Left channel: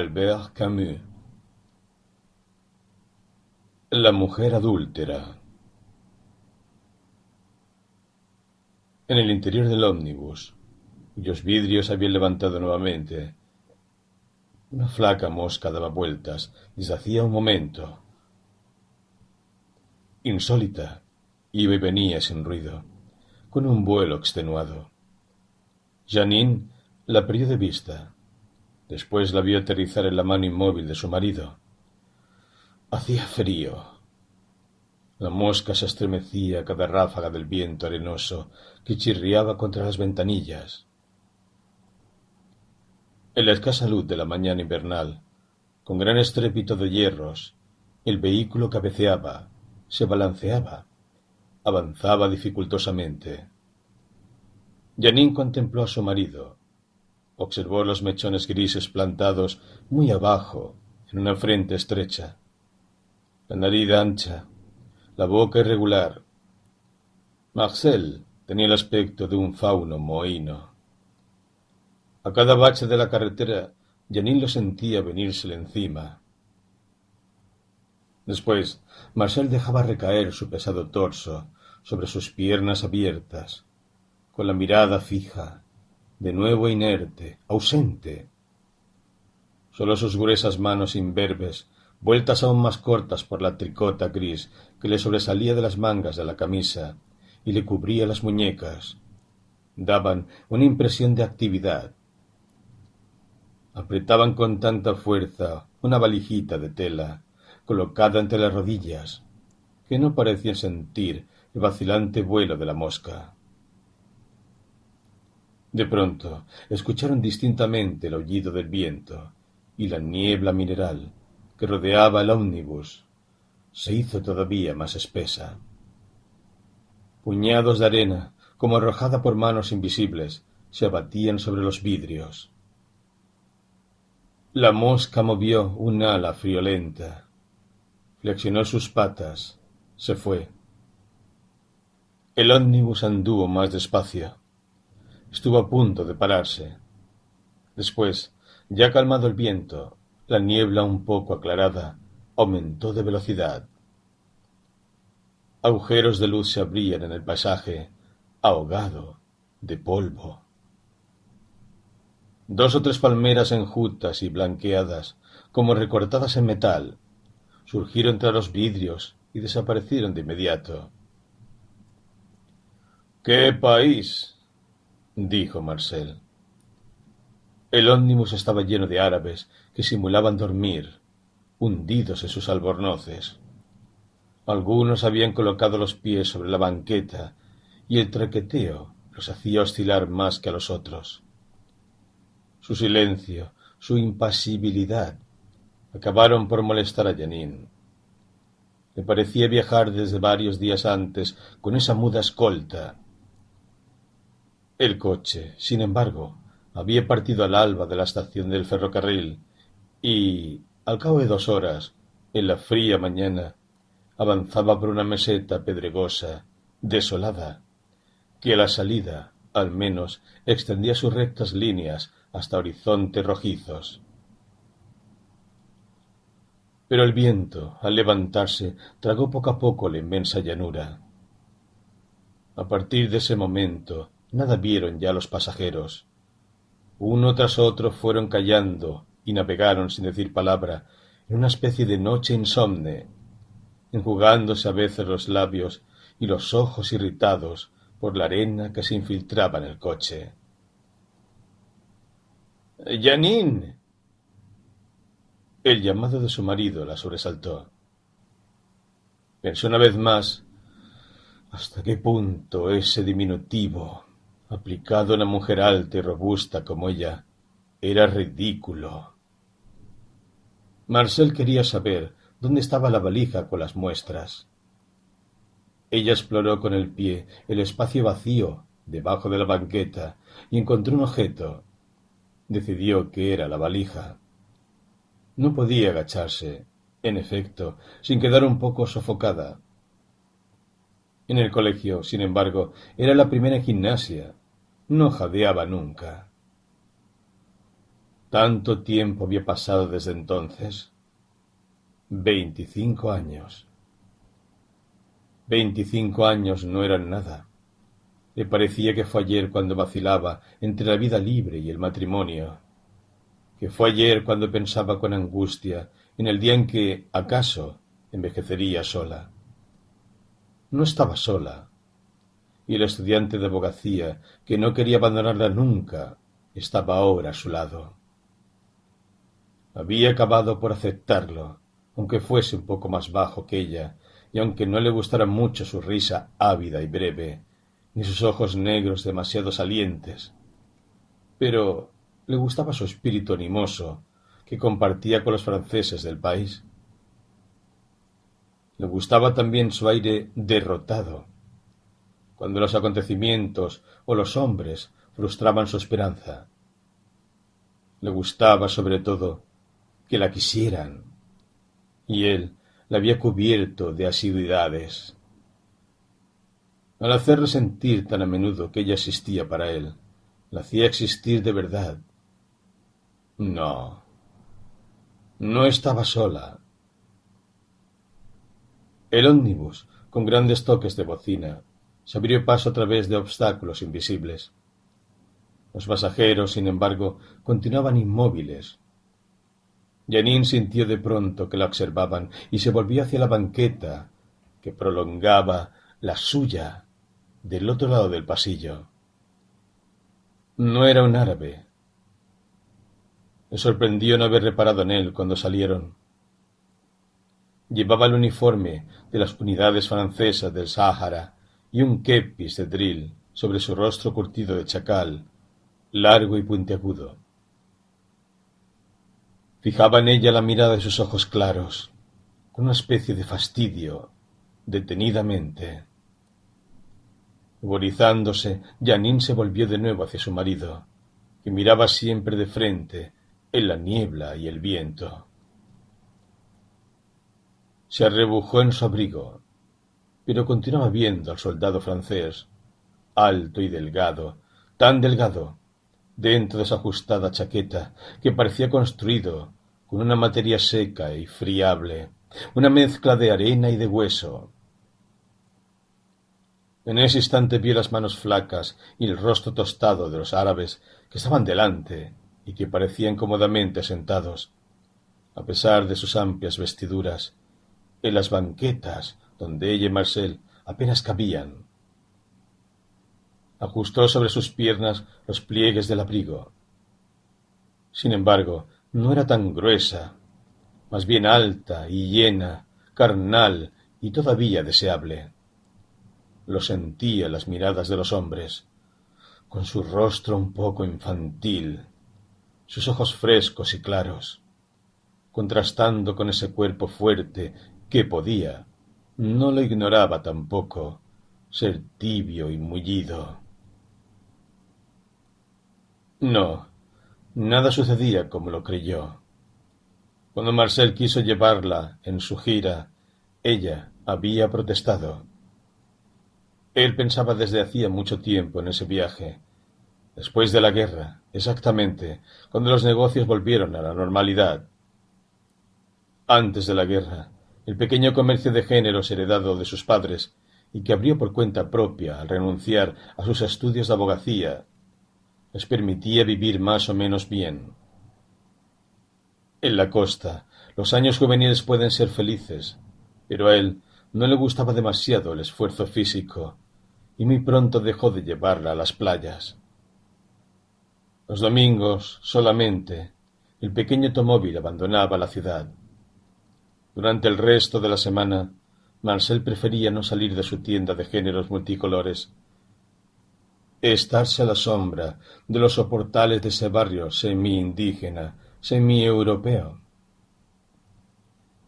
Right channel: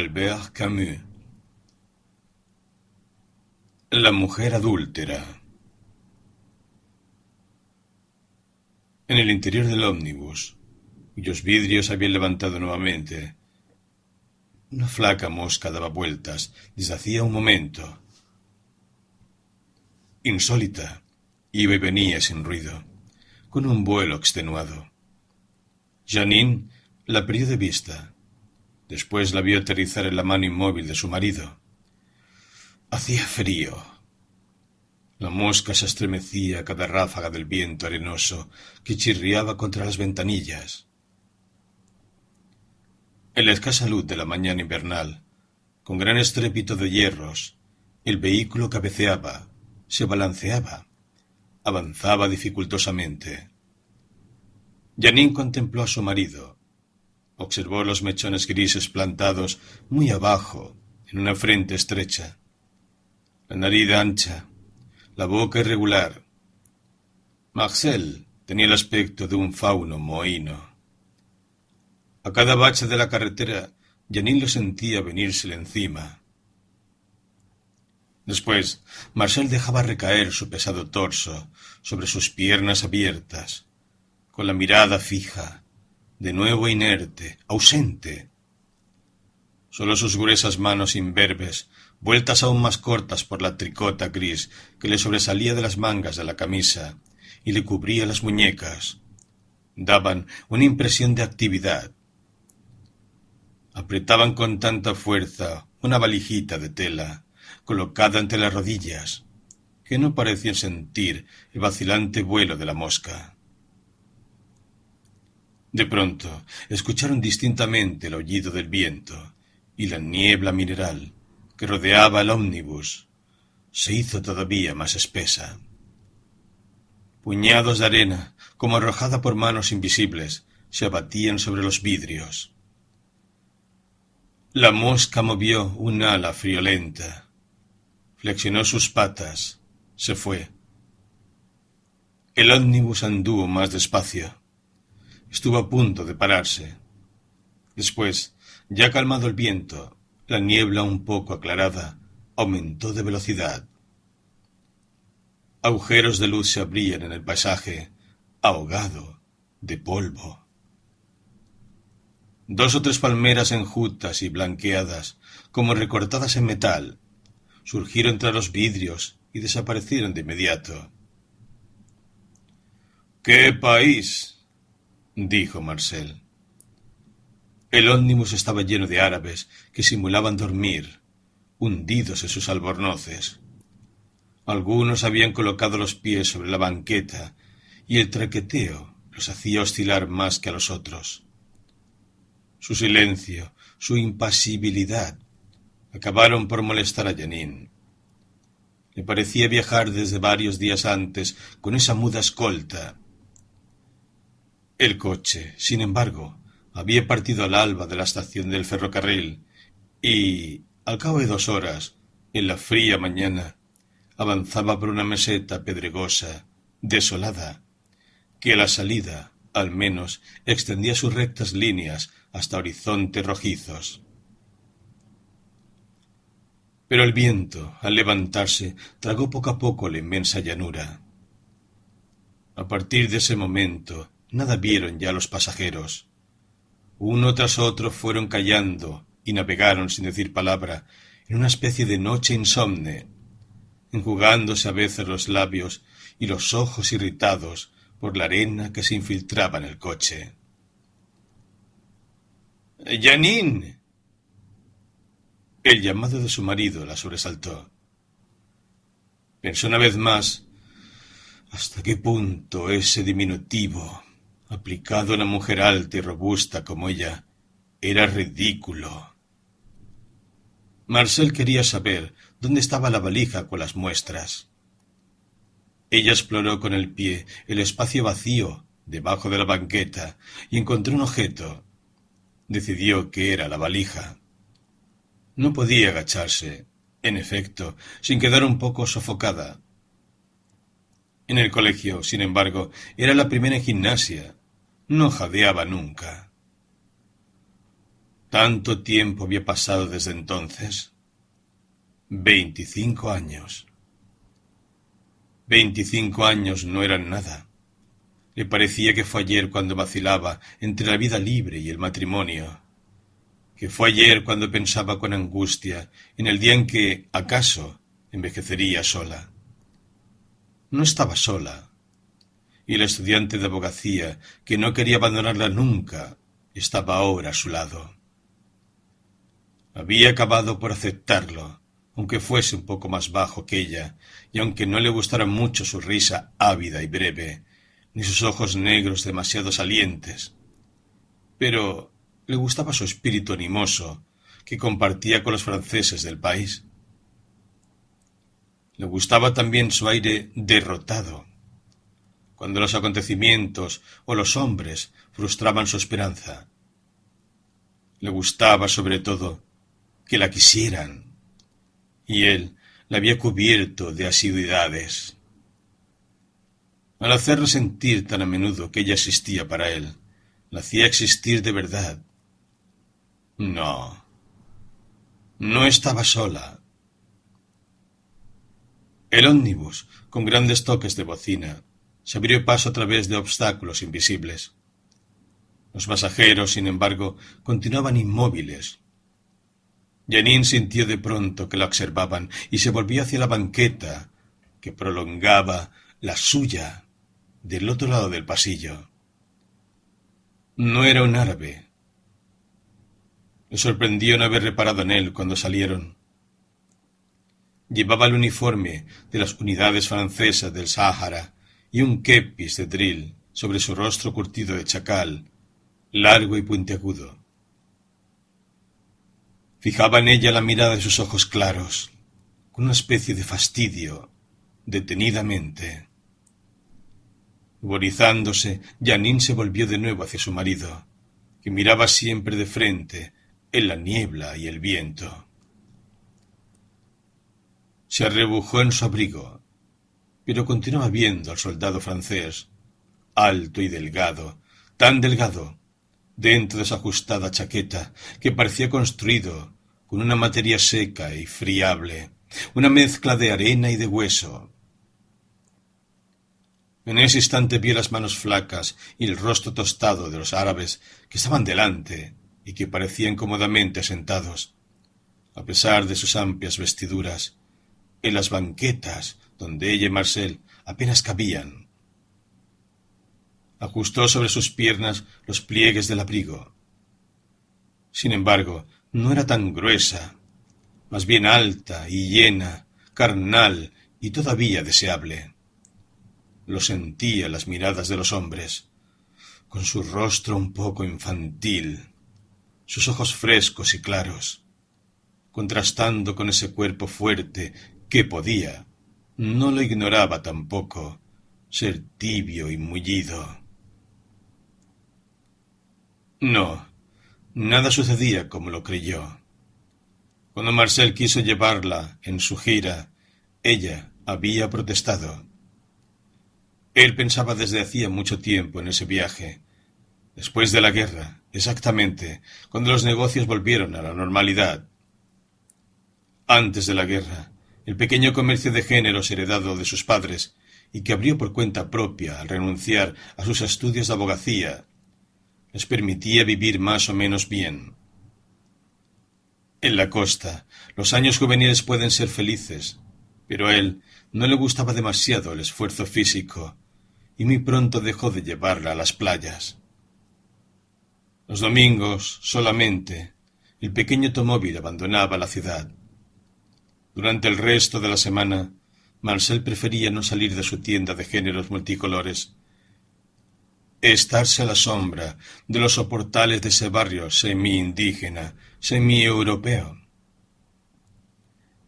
Albert Camus. La mujer adúltera. En el interior del ómnibus, cuyos vidrios habían levantado nuevamente, una flaca mosca daba vueltas desde hacía un momento. Insólita, iba y venía sin ruido, con un vuelo extenuado. Janine la perdió de vista. Después la vio aterrizar en la mano inmóvil de su marido. Hacía frío. La mosca se estremecía a cada ráfaga del viento arenoso que chirriaba contra las ventanillas. En la escasa luz de la mañana invernal, con gran estrépito de hierros, el vehículo cabeceaba, se balanceaba, avanzaba dificultosamente. Janine contempló a su marido. Observó los mechones grises plantados muy abajo, en una frente estrecha, la nariz ancha, la boca irregular. Marcel tenía el aspecto de un fauno mohíno. A cada bache de la carretera, Janine lo sentía venírsele encima. Después, Marcel dejaba recaer su pesado torso sobre sus piernas abiertas, con la mirada fija, de nuevo inerte, ausente. Solo sus gruesas manos imberbes, vueltas aún más cortas por la tricota gris que le sobresalía de las mangas de la camisa y le cubría las muñecas, daban una impresión de actividad. Apretaban con tanta fuerza una valijita de tela, colocada entre las rodillas, que no parecían sentir el vacilante vuelo de la mosca. De pronto escucharon distintamente el aullido del viento, y la niebla mineral que rodeaba el ómnibus se hizo todavía más espesa. Puñados de arena, como arrojada por manos invisibles, se abatían sobre los vidrios. La mosca movió un ala friolenta, flexionó sus patas, se fue. El ómnibus anduvo más despacio. Estuvo a punto de pararse. Después, ya calmado el viento, la niebla un poco aclarada aumentó de velocidad. Agujeros de luz se abrían en el paisaje, ahogado de polvo. 2 o 3 palmeras enjutas y blanqueadas, como recortadas en metal, surgieron tras los vidrios y desaparecieron de inmediato. —¡Qué país! —dijo Marcel. El ómnibus estaba lleno de árabes que simulaban dormir, hundidos en sus albornoces. Algunos habían colocado los pies sobre la banqueta y el traqueteo los hacía oscilar más que a los otros. Su silencio, su impasibilidad, acabaron por molestar a Janine. Le parecía viajar desde varios días antes con esa muda escolta. El coche, sin embargo, había partido al alba de la estación del ferrocarril y, al cabo de 2 horas, en la fría mañana, avanzaba por una meseta pedregosa, desolada, que a la salida, al menos, extendía sus rectas líneas hasta horizontes rojizos. Pero el viento, al levantarse, tragó poco a poco la inmensa llanura. A partir de ese momento, nada vieron ya los pasajeros. Uno tras otro fueron callando y navegaron sin decir palabra en una especie de noche insomne, enjugándose a veces los labios y los ojos irritados por la arena que se infiltraba en el coche. —¡Janine! El llamado de su marido la sobresaltó. Pensó una vez más hasta qué punto ese diminutivo, aplicado a una mujer alta y robusta como ella, era ridículo. Marcel quería saber dónde estaba la valija con las muestras. Ella exploró con el pie el espacio vacío debajo de la banqueta y encontró un objeto. Decidió que era la valija. No podía agacharse, en efecto, sin quedar un poco sofocada. En el colegio, sin embargo, era la primera en gimnasia. No jadeaba nunca. Tanto tiempo había pasado desde entonces. 25 años. 25 años no eran nada. Le parecía que fue ayer cuando vacilaba entre la vida libre y el matrimonio, que fue ayer cuando pensaba con angustia en el día en que, acaso, envejecería sola. No estaba sola, y el estudiante de abogacía, que no quería abandonarla nunca, estaba ahora a su lado. Había acabado por aceptarlo, aunque fuese un poco más bajo que ella, y aunque no le gustara mucho su risa ávida y breve, ni sus ojos negros demasiado salientes. Pero le gustaba su espíritu animoso, que compartía con los franceses del país. Le gustaba también su aire derrotado, cuando los acontecimientos o los hombres frustraban su esperanza. Le gustaba, sobre todo, que la quisieran, y él la había cubierto de asiduidades. Al hacerle sentir tan a menudo que ella existía para él, la hacía existir de verdad. No, no estaba sola. El ómnibus, con grandes toques de bocina, se abrió paso a través de obstáculos invisibles. Los pasajeros, sin embargo, continuaban inmóviles. Janine sintió de pronto que la observaban y se volvió hacia la banqueta que prolongaba la suya del otro lado del pasillo. No era un árabe. Le sorprendió no haber reparado en él cuando salieron. Llevaba el uniforme de las unidades francesas del Sáhara y un kepis de drill sobre su rostro curtido de chacal, largo y puntiagudo. Fijaba en ella la mirada de sus ojos claros, con una especie de fastidio, detenidamente. Ruborizándose, Janine se volvió de nuevo hacia su marido, que miraba siempre de frente, en la niebla y el viento. Se arrebujó en su abrigo, pero continuaba viendo al soldado francés, alto y delgado, tan delgado, dentro de esa ajustada chaqueta que parecía construido con una materia seca y friable, una mezcla de arena y de hueso. En ese instante vio las manos flacas y el rostro tostado de los árabes que estaban delante y que parecían cómodamente sentados, a pesar de sus amplias vestiduras, en las banquetas donde ella y Marcel apenas cabían. Ajustó sobre sus piernas los pliegues del abrigo. Sin embargo, no era tan gruesa, más bien alta y llena, carnal y todavía deseable. Lo sentía en las miradas de los hombres, con su rostro un poco infantil, sus ojos frescos y claros, contrastando con ese cuerpo fuerte que podía, no lo ignoraba tampoco, ser tibio y mullido. No, nada sucedía como lo creyó. Cuando Marcel quiso llevarla en su gira, ella había protestado. Él pensaba desde hacía mucho tiempo en ese viaje, después de la guerra, exactamente, cuando los negocios volvieron a la normalidad. Antes de la guerra, el pequeño comercio de géneros heredado de sus padres y que abrió por cuenta propia al renunciar a sus estudios de abogacía, les permitía vivir más o menos bien. En la costa, los años juveniles pueden ser felices, pero a él no le gustaba demasiado el esfuerzo físico, y muy pronto dejó de llevarla a las playas. Los domingos, solamente, el pequeño automóvil abandonaba la ciudad. Durante el resto de la semana, Marcel prefería no salir de su tienda de géneros multicolores, estarse a la sombra de los soportales de ese barrio semi-indígena, semi-europeo.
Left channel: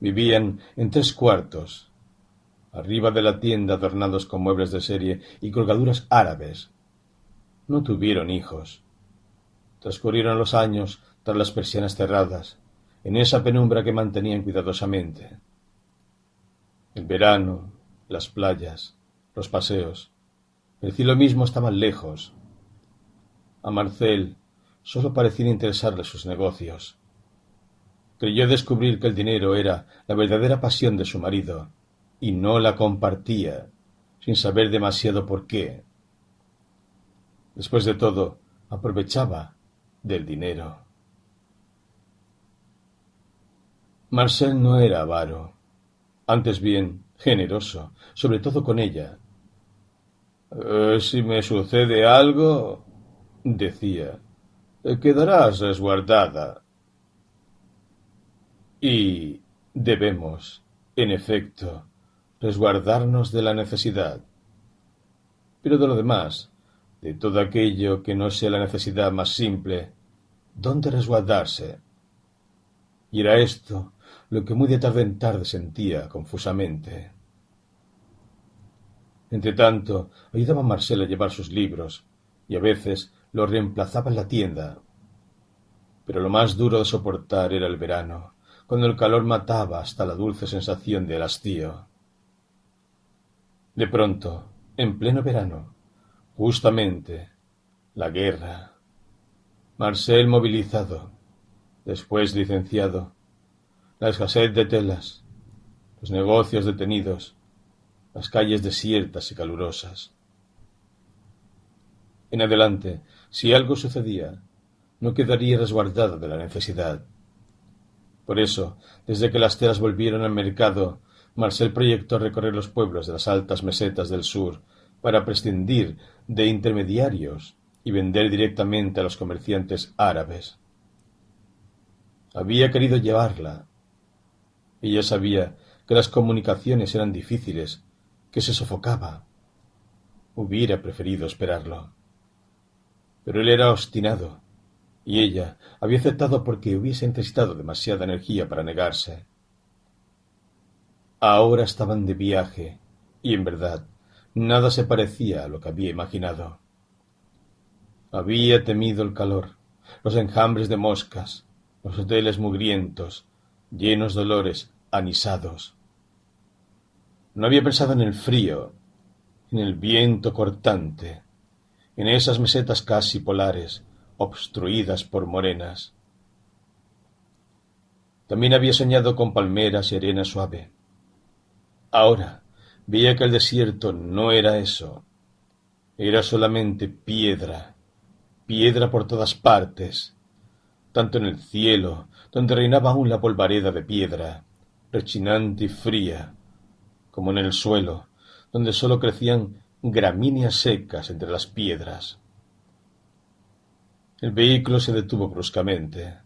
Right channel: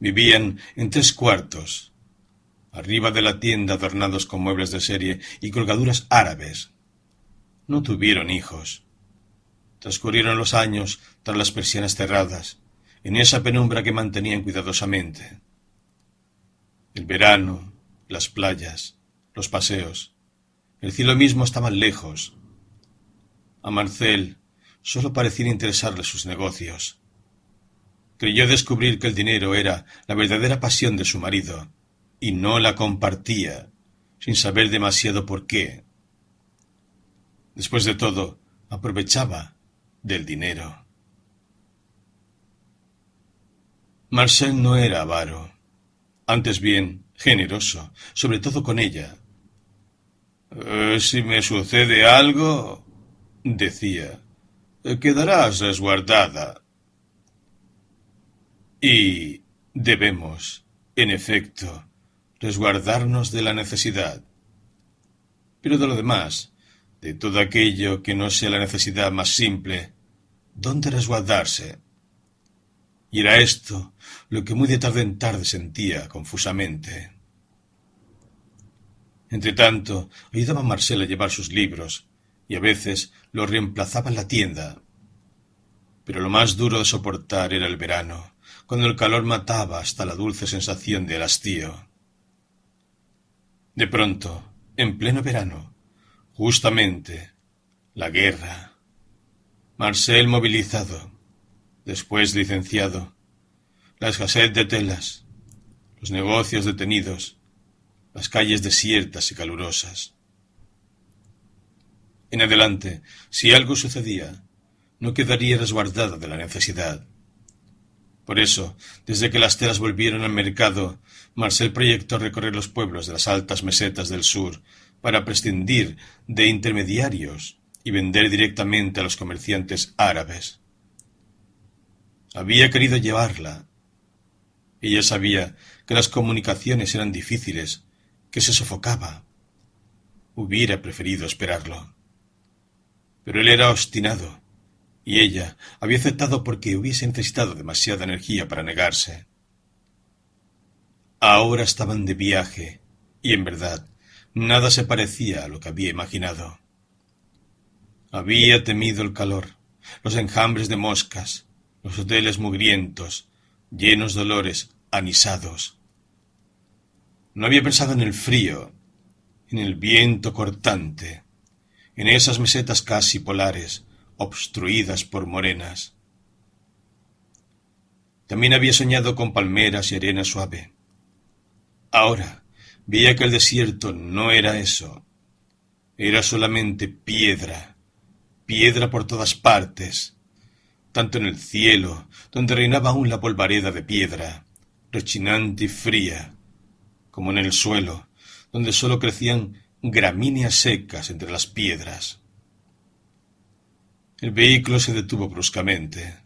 Vivían en 3 cuartos, arriba de la tienda adornados con muebles de serie y colgaduras árabes. No tuvieron hijos. Transcurrieron los años tras las persianas cerradas, en esa penumbra que mantenían cuidadosamente. El verano, las playas, los paseos, el cielo mismo estaban lejos. A Marcel, solo parecían interesarle sus negocios. Creyó descubrir que el dinero era la verdadera pasión de su marido, y no la compartía, sin saber demasiado por qué. Después de todo, aprovechaba del dinero. Marcel no era avaro, antes bien generoso, sobre todo con ella. Si me sucede algo, decía, quedarás resguardada. Y debemos, en efecto, resguardarnos de la necesidad. Pero de lo demás, de todo aquello que no sea la necesidad más simple, ¿dónde resguardarse? Y era esto lo que muy de tarde en tarde sentía confusamente. Entretanto, ayudaba a Marcel a llevar sus libros, y a veces los reemplazaba en la tienda. Pero lo más duro de soportar era el verano, cuando el calor mataba hasta la dulce sensación del hastío. De pronto, en pleno verano, justamente, la guerra. Marcel movilizado, después licenciado, la escasez de telas, los negocios detenidos, las calles desiertas y calurosas. En adelante, si algo sucedía, no quedaría resguardado de la necesidad. Por eso, desde que las telas volvieron al mercado, Marcel proyectó recorrer los pueblos de las altas mesetas del sur para prescindir de intermediarios y vender directamente a los comerciantes árabes. Había querido llevarla. Ella sabía que las comunicaciones eran difíciles, que se sofocaba. Hubiera preferido esperarlo. Pero él era obstinado, y ella había aceptado porque hubiese necesitado demasiada energía para negarse. Ahora estaban de viaje, y en verdad, nada se parecía a lo que había imaginado. Había temido el calor, los enjambres de moscas, los hoteles mugrientos, llenos de olores anisados. No había pensado en el frío, en el viento cortante, en esas mesetas casi polares, obstruidas por morenas. También había soñado con palmeras y arena suave. Ahora veía que el desierto no era eso. Era solamente piedra, piedra por todas partes, tanto en el cielo, donde reinaba aún la polvareda de piedra, rechinante y fría, como en el suelo, donde sólo crecían gramíneas secas entre las piedras. El vehículo se detuvo bruscamente.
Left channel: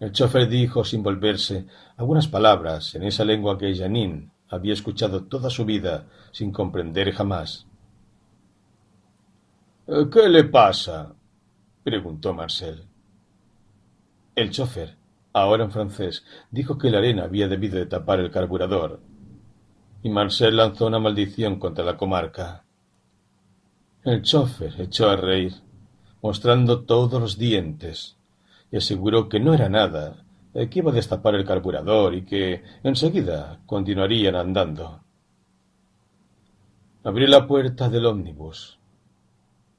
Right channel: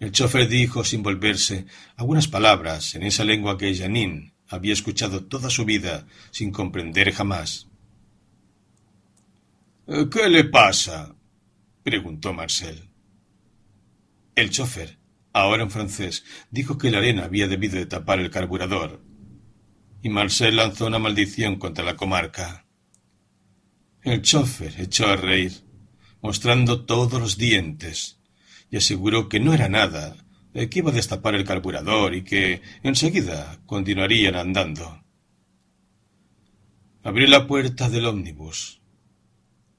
El chofer dijo, sin volverse, algunas palabras en esa lengua que Jeanine había escuchado toda su vida sin comprender jamás. «¿Qué le pasa?», preguntó Marcel. El chofer, ahora en francés, dijo que la arena había debido de tapar el carburador, y Marcel lanzó una maldición contra la comarca. El chofer echó a reír, mostrando todos los dientes, y aseguró que no era nada, que iba a destapar el carburador y que enseguida continuarían andando. Abrió la puerta del ómnibus.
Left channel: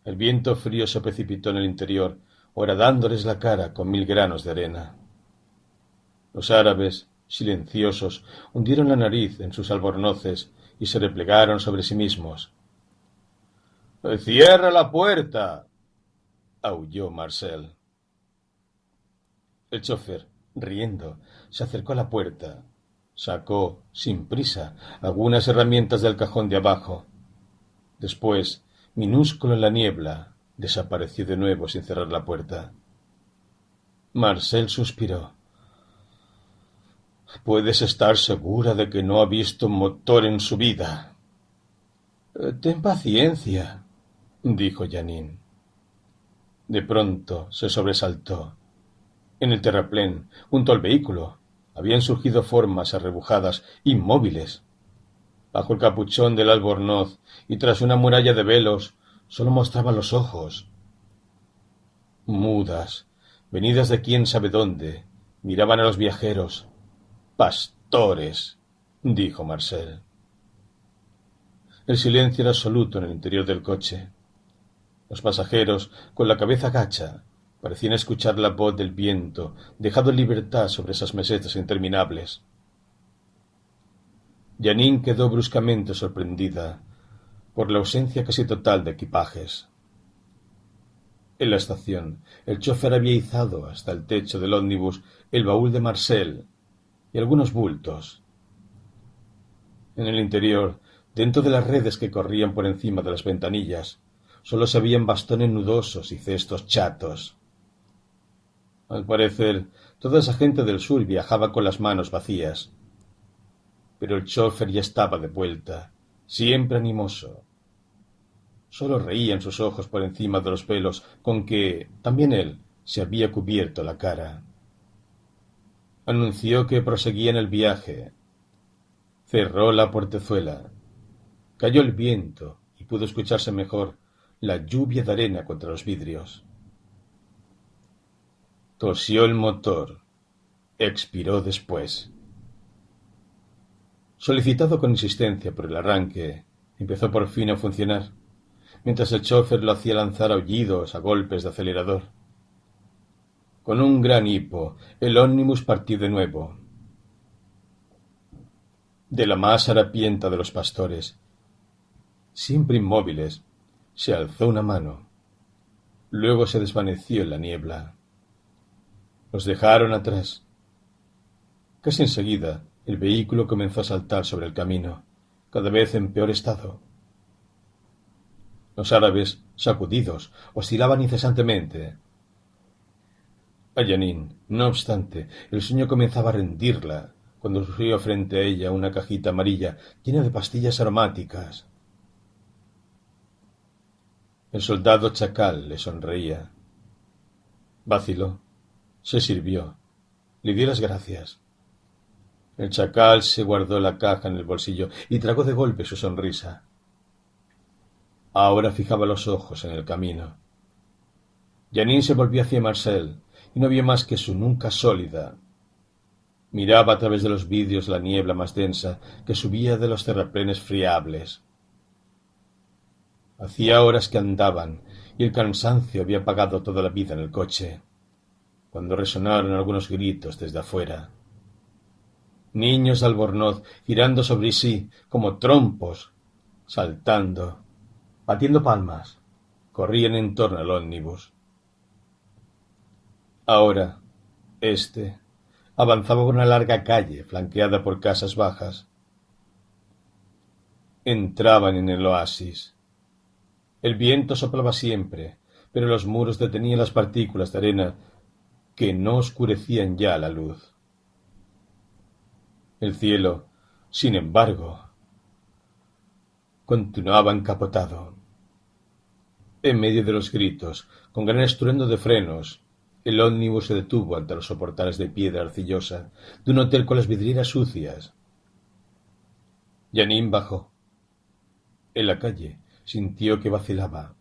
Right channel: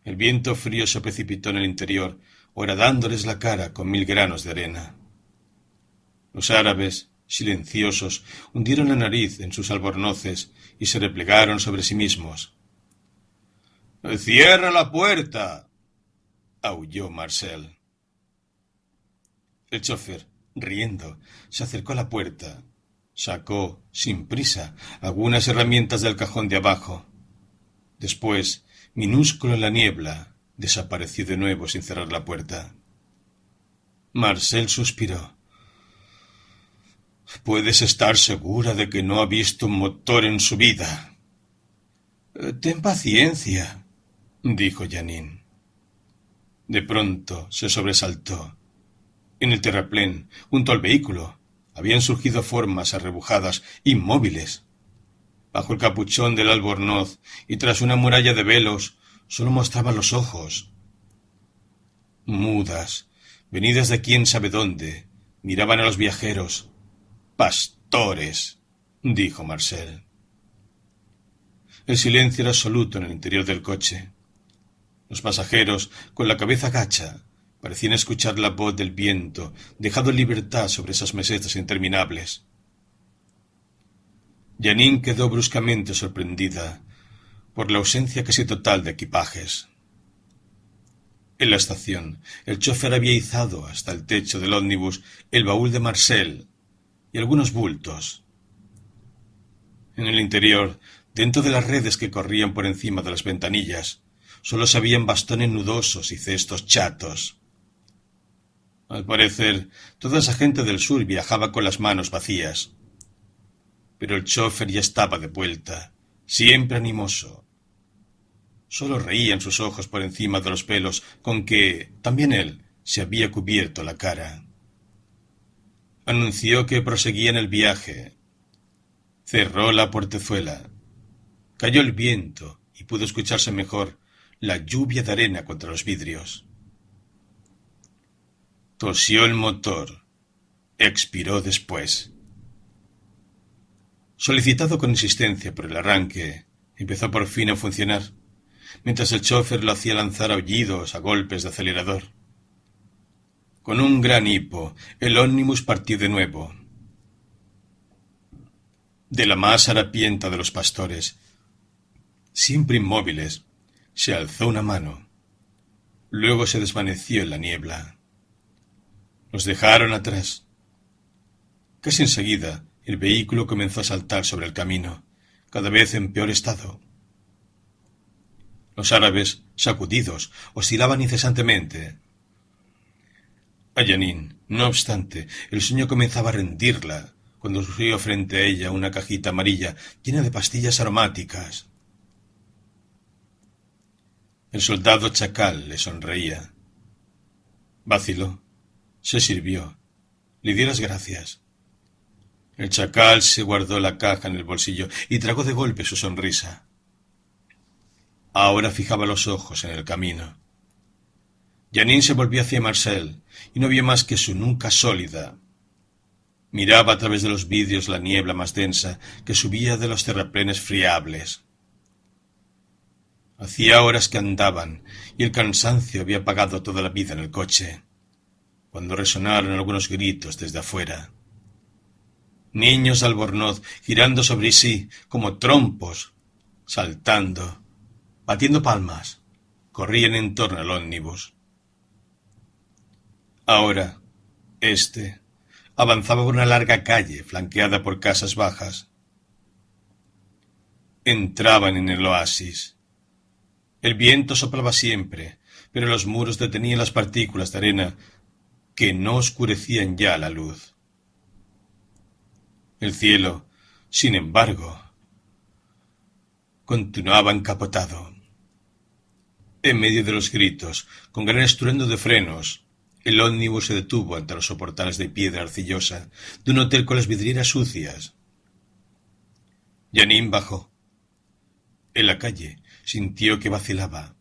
El viento frío se precipitó en el interior, horadándoles la cara con 1000 granos de arena. Los árabes, silenciosos, hundieron la nariz en sus albornoces y se replegaron sobre sí mismos. «¡Cierra la puerta!», aulló Marcel. El chofer, riendo, se acercó a la puerta. Sacó, sin prisa, algunas herramientas del cajón de abajo. Después, minúsculo en la niebla, desapareció de nuevo sin cerrar la puerta. Marcel suspiró. «Puedes estar segura de que no ha visto un motor en su vida». «Ten paciencia», dijo Jeanine. De pronto se sobresaltó. En el terraplén, junto al vehículo, habían surgido formas arrebujadas, inmóviles. Bajo el capuchón del albornoz y tras una muralla de velos, solo mostraban los ojos. Mudas, venidas de quién sabe dónde, miraban a los viajeros. «Pastores», dijo Marcel. El silencio era absoluto en el interior del coche. Los pasajeros, con la cabeza gacha, Parecían escuchar la voz del viento, dejado en libertad sobre esas mesetas interminables. Janine quedó bruscamente sorprendida por la ausencia casi total de equipajes. En la estación, el chofer había izado hasta el techo del ómnibus el baúl de Marcel y algunos bultos. En el interior, dentro de las redes que corrían por encima de las ventanillas, solo se veían bastones nudosos y cestos chatos. Al parecer, toda esa gente del sur viajaba con las manos vacías. Pero el chofer ya estaba de vuelta, siempre animoso. Solo reían sus ojos por encima de los pelos con que también él se había cubierto la cara. Anunció que proseguían el viaje. Cerró la portezuela. Cayó el viento y pudo escucharse mejor la lluvia de arena contra los vidrios. Tosió el motor. Expiró después. Solicitado con insistencia por el arranque, empezó por fin a funcionar, mientras el chofer lo hacía lanzar aullidos a golpes de acelerador. Con un gran hipo, el ómnibus partió de nuevo. De la más harapienta de los pastores, siempre inmóviles, se alzó una mano. Luego se desvaneció en la niebla. Los dejaron atrás. Casi enseguida, el vehículo comenzó a saltar sobre el camino, cada vez en peor estado. Los árabes, sacudidos, oscilaban incesantemente. A Janine, no obstante, el sueño comenzaba a rendirla cuando surgió frente a ella una cajita amarilla llena de pastillas aromáticas. El soldado chacal le sonreía. Vaciló, se sirvió, le dio las gracias. El chacal se guardó la caja en el bolsillo y tragó de golpe su sonrisa. Ahora fijaba los ojos en el camino. Janine se volvió hacia Marcel y no vio más que su nuca sólida. Miraba a través de los vidrios la niebla más densa que subía de los terraplenes friables. Hacía horas que andaban y el cansancio había apagado toda la vida en el coche, cuando resonaron algunos gritos desde afuera. Niños de Albornoz girando sobre sí como trompos, saltando, batiendo palmas, corrían en torno al ómnibus. Ahora, avanzaba por una larga calle flanqueada por casas bajas. Entraban en el oasis. El viento soplaba siempre, pero los muros detenían las partículas de arena que no oscurecían ya la luz. El cielo, sin embargo, continuaba encapotado. En medio de los gritos, con gran estruendo de frenos, el ómnibus se detuvo ante los soportales de piedra arcillosa de un hotel con las vidrieras sucias. Janine bajó. En la calle sintió que vacilaba.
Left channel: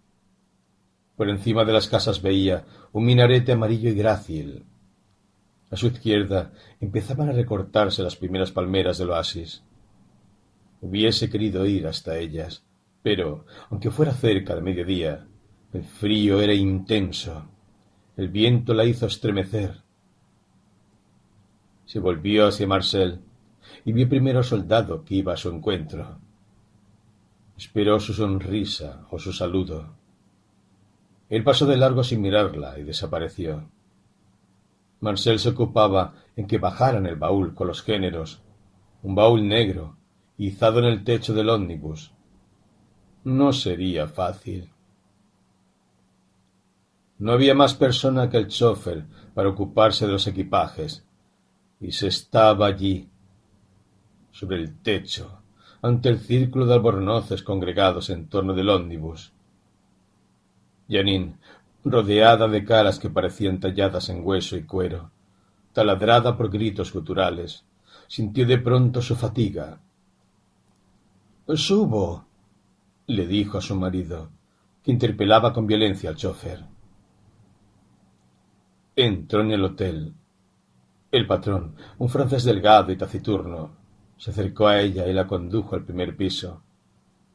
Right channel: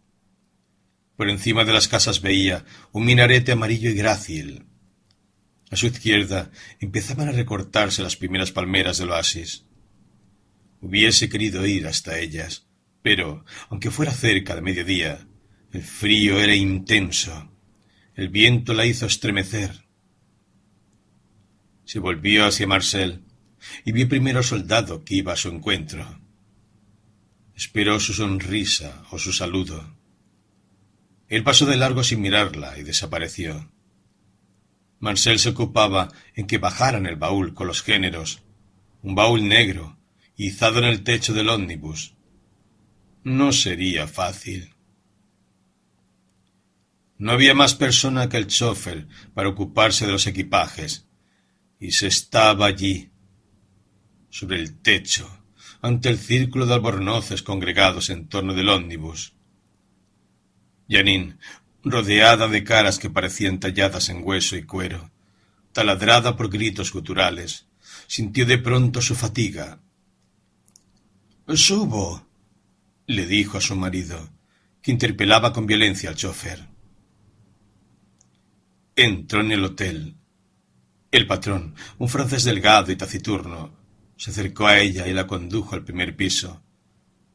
Por encima de las casas veía un minarete amarillo y grácil. A su izquierda empezaban a recortarse las primeras palmeras del oasis. Hubiese querido ir hasta ellas, pero, aunque fuera cerca de mediodía, el frío era intenso. El viento la hizo estremecer. Se volvió hacia Marcel y vio primero al soldado que iba a su encuentro. Esperó su sonrisa o su saludo. Él pasó de largo sin mirarla y desapareció. Marcel se ocupaba en que bajaran el baúl con los géneros, un baúl negro, izado en el techo del ómnibus. No sería fácil. No había más persona que el chofer para ocuparse de los equipajes, y se estaba allí, sobre el techo, ante el círculo de albornoces congregados en torno del ómnibus. Janine, rodeada de caras que parecían talladas en hueso y cuero, taladrada por gritos guturales, sintió de pronto su fatiga. «Subo», le dijo a su marido, que interpelaba con violencia al chofer. Entró en el hotel. El patrón, un francés delgado y taciturno, se acercó a ella y la condujo al primer piso,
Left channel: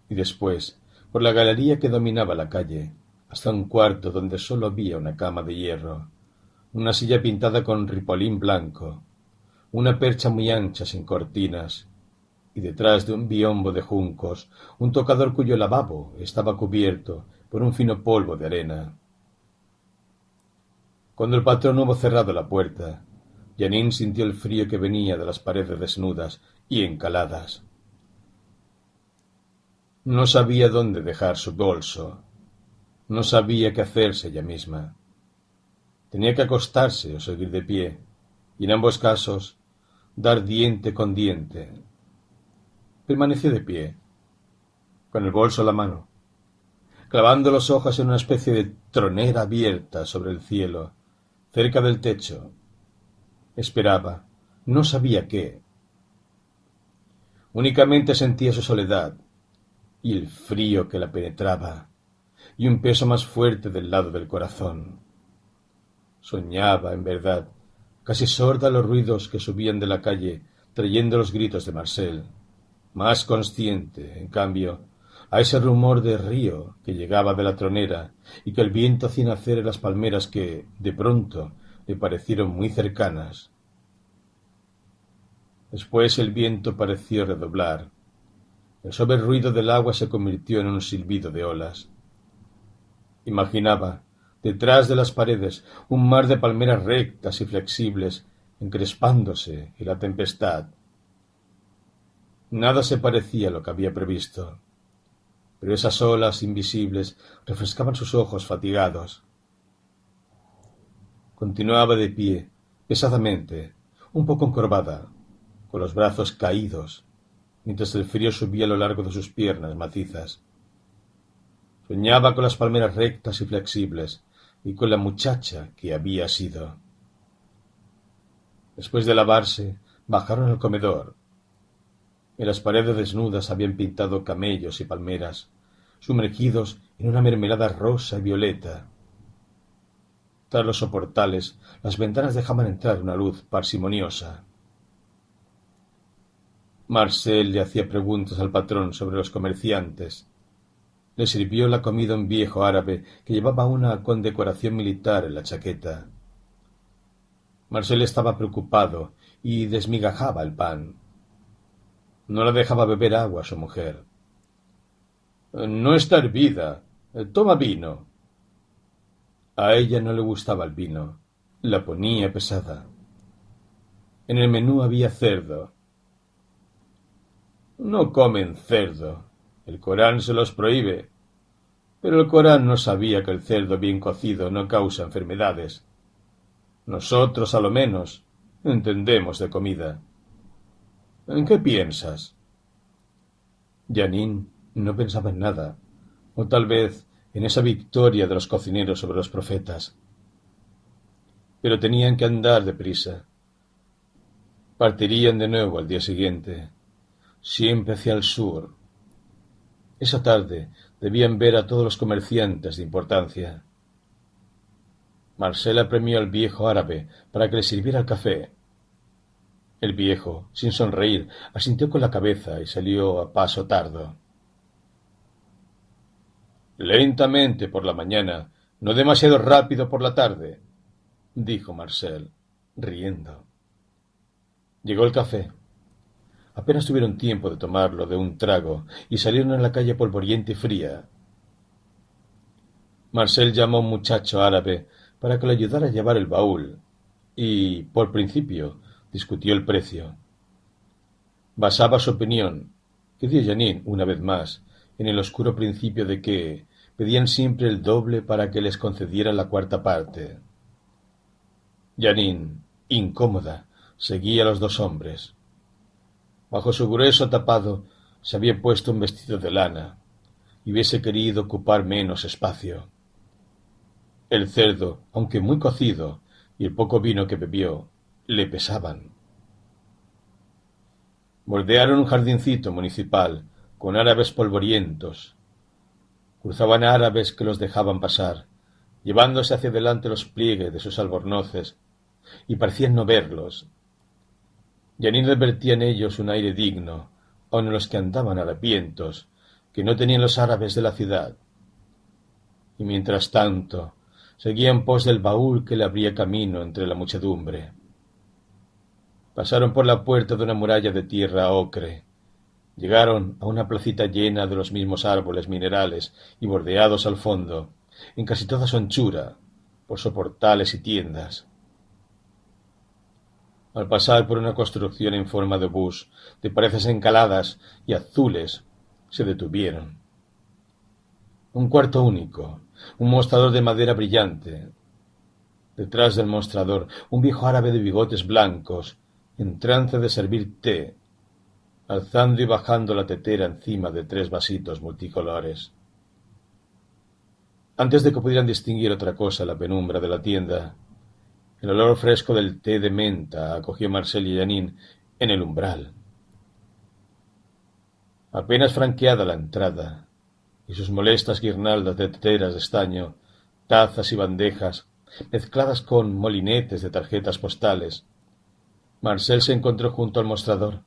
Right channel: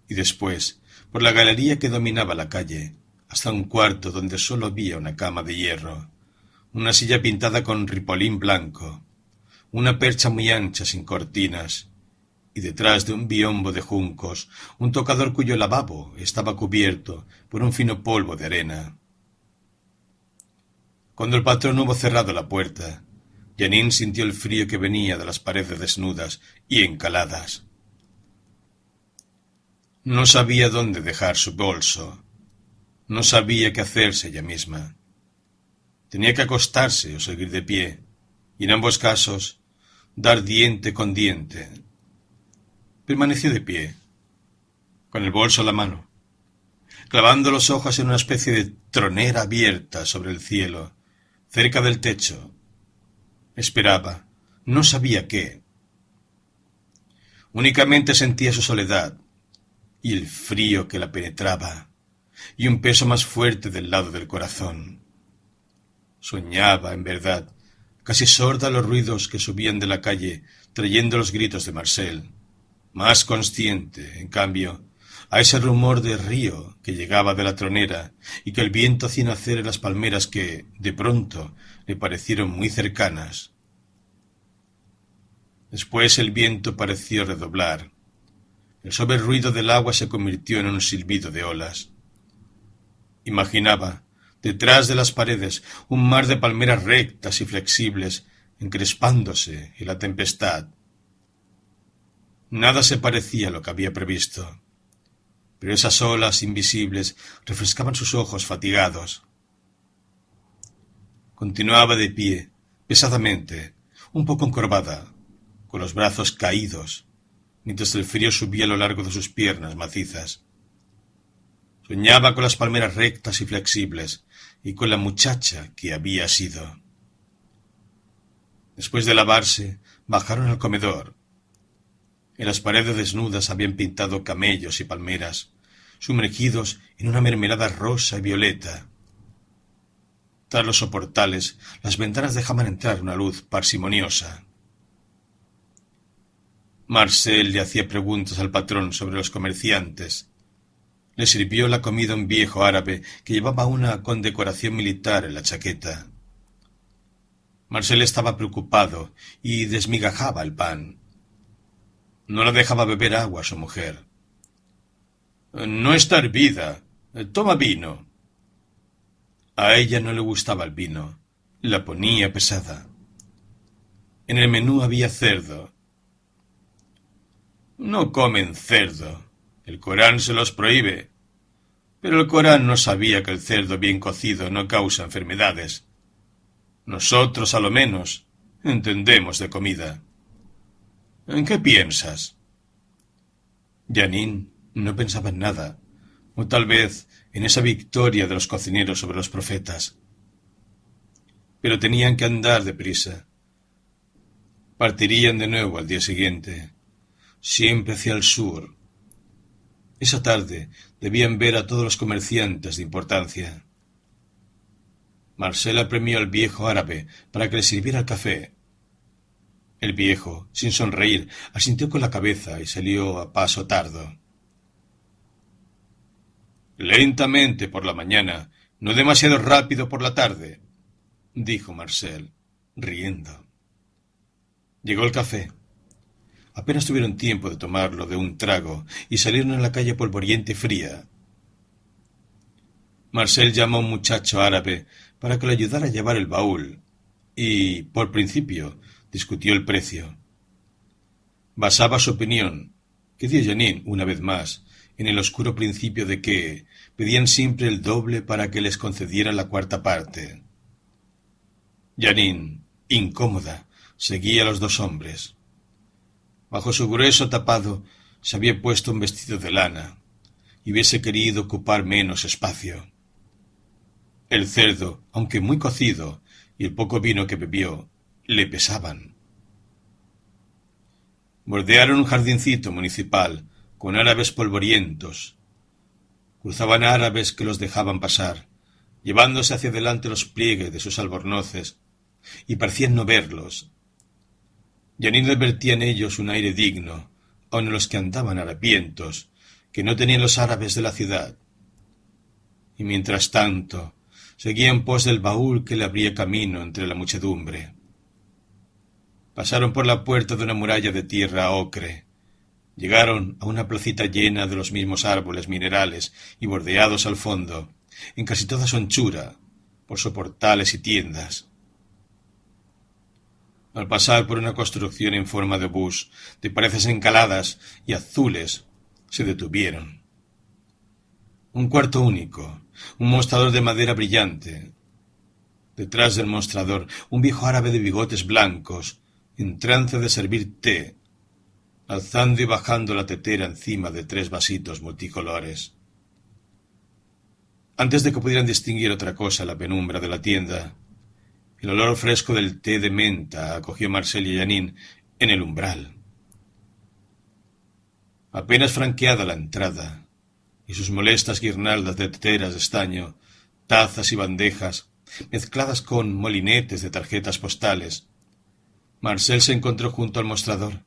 y después, por la galería que dominaba la calle, hasta un cuarto donde solo había una cama de hierro, una silla pintada con ripolín blanco, una percha muy ancha sin cortinas, y detrás de un biombo de juncos, un tocador cuyo lavabo estaba cubierto por un fino polvo de arena. Cuando el patrón hubo cerrado la puerta, Janine sintió el frío que venía de las paredes desnudas y encaladas. No sabía dónde dejar su bolso. No sabía qué hacerse ella misma. Tenía que acostarse o seguir de pie, y en ambos casos dar diente con diente. Permaneció de pie, con el bolso a la mano, clavando los ojos en una especie de tronera abierta sobre el cielo, cerca del techo. Esperaba, no sabía qué. Únicamente sentía su soledad y el frío que la penetraba, y un peso más fuerte del lado del corazón. Soñaba, en verdad, casi sorda a los ruidos que subían de la calle, trayendo los gritos de Marcel, más consciente, en cambio, a ese rumor de río que llegaba de la tronera y que el viento hacía nacer en las palmeras que, de pronto, le parecieron muy cercanas. Después el viento pareció redoblar. El suave ruido del agua se convirtió en un silbido de olas. Imaginaba, detrás de las paredes, un mar de palmeras rectas y flexibles, encrespándose en la tempestad. Nada se parecía a lo que había previsto, pero esas olas invisibles refrescaban sus ojos fatigados. Continuaba de pie, pesadamente, un poco encorvada, con los brazos caídos, mientras el frío subía a lo largo de sus piernas macizas. Soñaba con las palmeras rectas y flexibles y con la muchacha que había sido. Después de lavarse, bajaron al comedor. En las paredes desnudas habían pintado camellos y palmeras, sumergidos en una mermelada rosa y violeta. Tras los soportales, las ventanas dejaban entrar una luz parsimoniosa. Marcel le hacía preguntas al patrón sobre los comerciantes. Le sirvió la comida un viejo árabe que llevaba una condecoración militar en la chaqueta. Marcel estaba preocupado y desmigajaba el pan. No la dejaba beber agua a su mujer. «No está hervida. Toma vino». A ella no le gustaba el vino. La ponía pesada. En el menú había cerdo. «No comen cerdo. El Corán se los prohíbe». Pero el Corán no sabía que el cerdo bien cocido no causa enfermedades. Nosotros, a lo menos, entendemos de comida. ¿En qué piensas? Janine no pensaba en nada, o tal vez en esa victoria de los cocineros sobre los profetas. Pero tenían que andar deprisa. Partirían de nuevo al día siguiente, siempre hacia el sur. Esa tarde debían ver a todos los comerciantes de importancia. Marcel apremió al viejo árabe para que le sirviera el café. El viejo, sin sonreír, asintió con la cabeza y salió a paso tardo. «Lentamente por la mañana, no demasiado rápido por la tarde», dijo Marcel, riendo. Llegó el café. Apenas tuvieron tiempo de tomarlo de un trago y salieron a la calle polvorienta y fría. Marcel llamó a un muchacho árabe para que le ayudara a llevar el baúl y, por principio, discutió el precio. Basaba su opinión, que dio Janine una vez más, en el oscuro principio de que pedían siempre el doble para que les concedieran la cuarta parte. Janine, incómoda, seguía a los dos hombres. Bajo su grueso tapado se había puesto un vestido de lana y hubiese querido ocupar menos espacio. El cerdo, aunque muy cocido, y el poco vino que bebió, le pesaban. Bordearon un jardincito municipal con árabes polvorientos. Cruzaban árabes que los dejaban pasar, llevándose hacia adelante los pliegues de sus albornoces, y parecían no verlos. Janine advertía en ellos un aire digno, aun en los que andaban harapientos, que no tenían los árabes de la ciudad. y mientras tanto seguía en pos del baúl que le abría camino entre la muchedumbre. Pasaron por la puerta de una muralla de tierra ocre. Llegaron a una placita llena de los mismos árboles minerales y bordeados al fondo, en casi toda su anchura, por soportales y tiendas. Al pasar por una construcción en forma de obús, de paredes encaladas y azules, se detuvieron. Un cuarto único, un mostrador de madera brillante. Detrás del mostrador, un viejo árabe de bigotes blancos, en trance de servir té, alzando y bajando la tetera encima de 3 vasitos multicolores. Antes de que pudieran distinguir otra cosa en la penumbra de la tienda, el olor fresco del té de menta acogió a Marcel y a Jeanine en el umbral. Apenas franqueada la entrada, y sus molestas guirnaldas de teteras de estaño, tazas y bandejas, mezcladas con molinetes de tarjetas postales, Marcel se encontró junto al mostrador.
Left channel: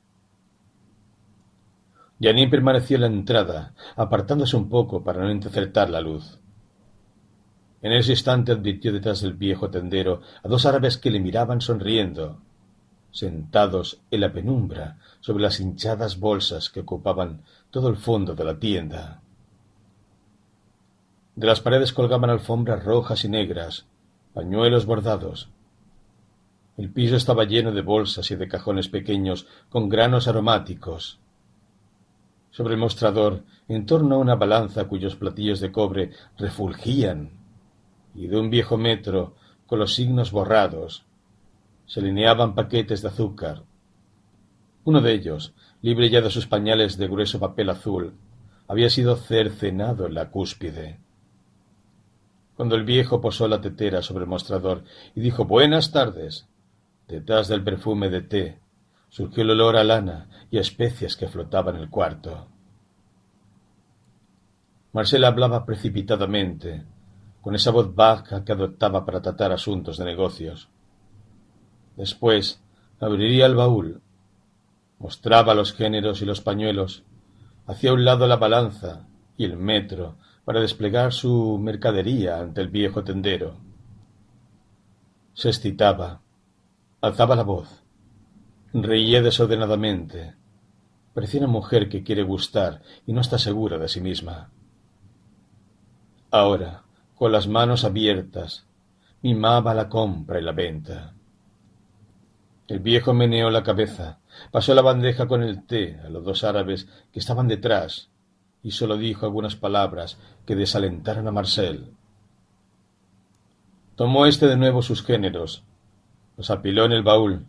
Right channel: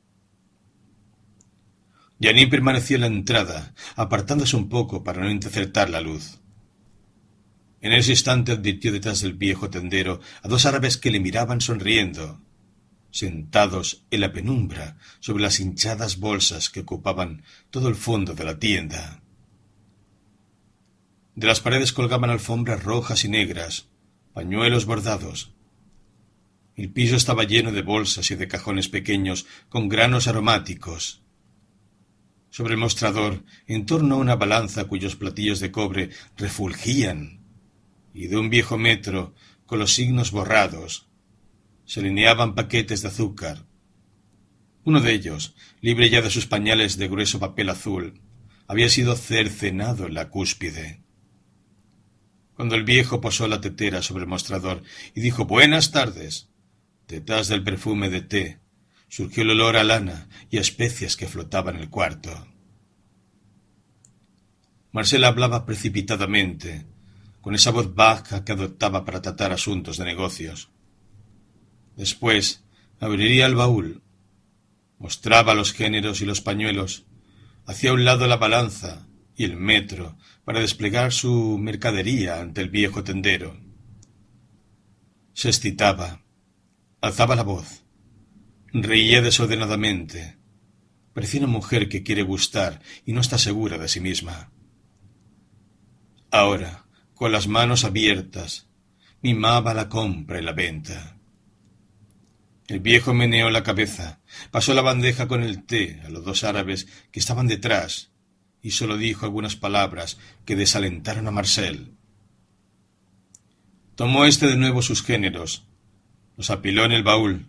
Jeanine permaneció en la entrada, apartándose un poco para no interceptar la luz. En ese instante advirtió detrás del viejo tendero a 2 árabes que le miraban sonriendo, sentados en la penumbra sobre las hinchadas bolsas que ocupaban todo el fondo de la tienda. De las paredes colgaban alfombras rojas y negras, pañuelos bordados. El piso estaba lleno de bolsas y de cajones pequeños con granos aromáticos. Sobre el mostrador, en torno a una balanza cuyos platillos de cobre refulgían, y de un viejo metro con los signos borrados, se alineaban paquetes de azúcar. Uno de ellos, libre ya de sus pañales de grueso papel azul, había sido cercenado en la cúspide. Cuando el viejo posó la tetera sobre el mostrador y dijo «Buenas tardes», detrás del perfume de té surgió el olor a lana y a especias que flotaban en el cuarto. Marcel hablaba precipitadamente, con esa voz baja que adoptaba para tratar asuntos de negocios. Después abriría el baúl, mostraba los géneros y los pañuelos, hacía a un lado la balanza y el metro para desplegar su mercadería ante el viejo tendero. Se excitaba, alzaba la voz, reía desordenadamente. Parecía una mujer que quiere gustar y no está segura de sí misma. Ahora, con las manos abiertas, mimaba la compra y la venta. El viejo meneó la cabeza, pasó la bandeja con el té a los 2 árabes que estaban detrás y solo dijo algunas palabras que desalentaron a Marcel. Tomó de nuevo sus géneros, los apiló en el baúl.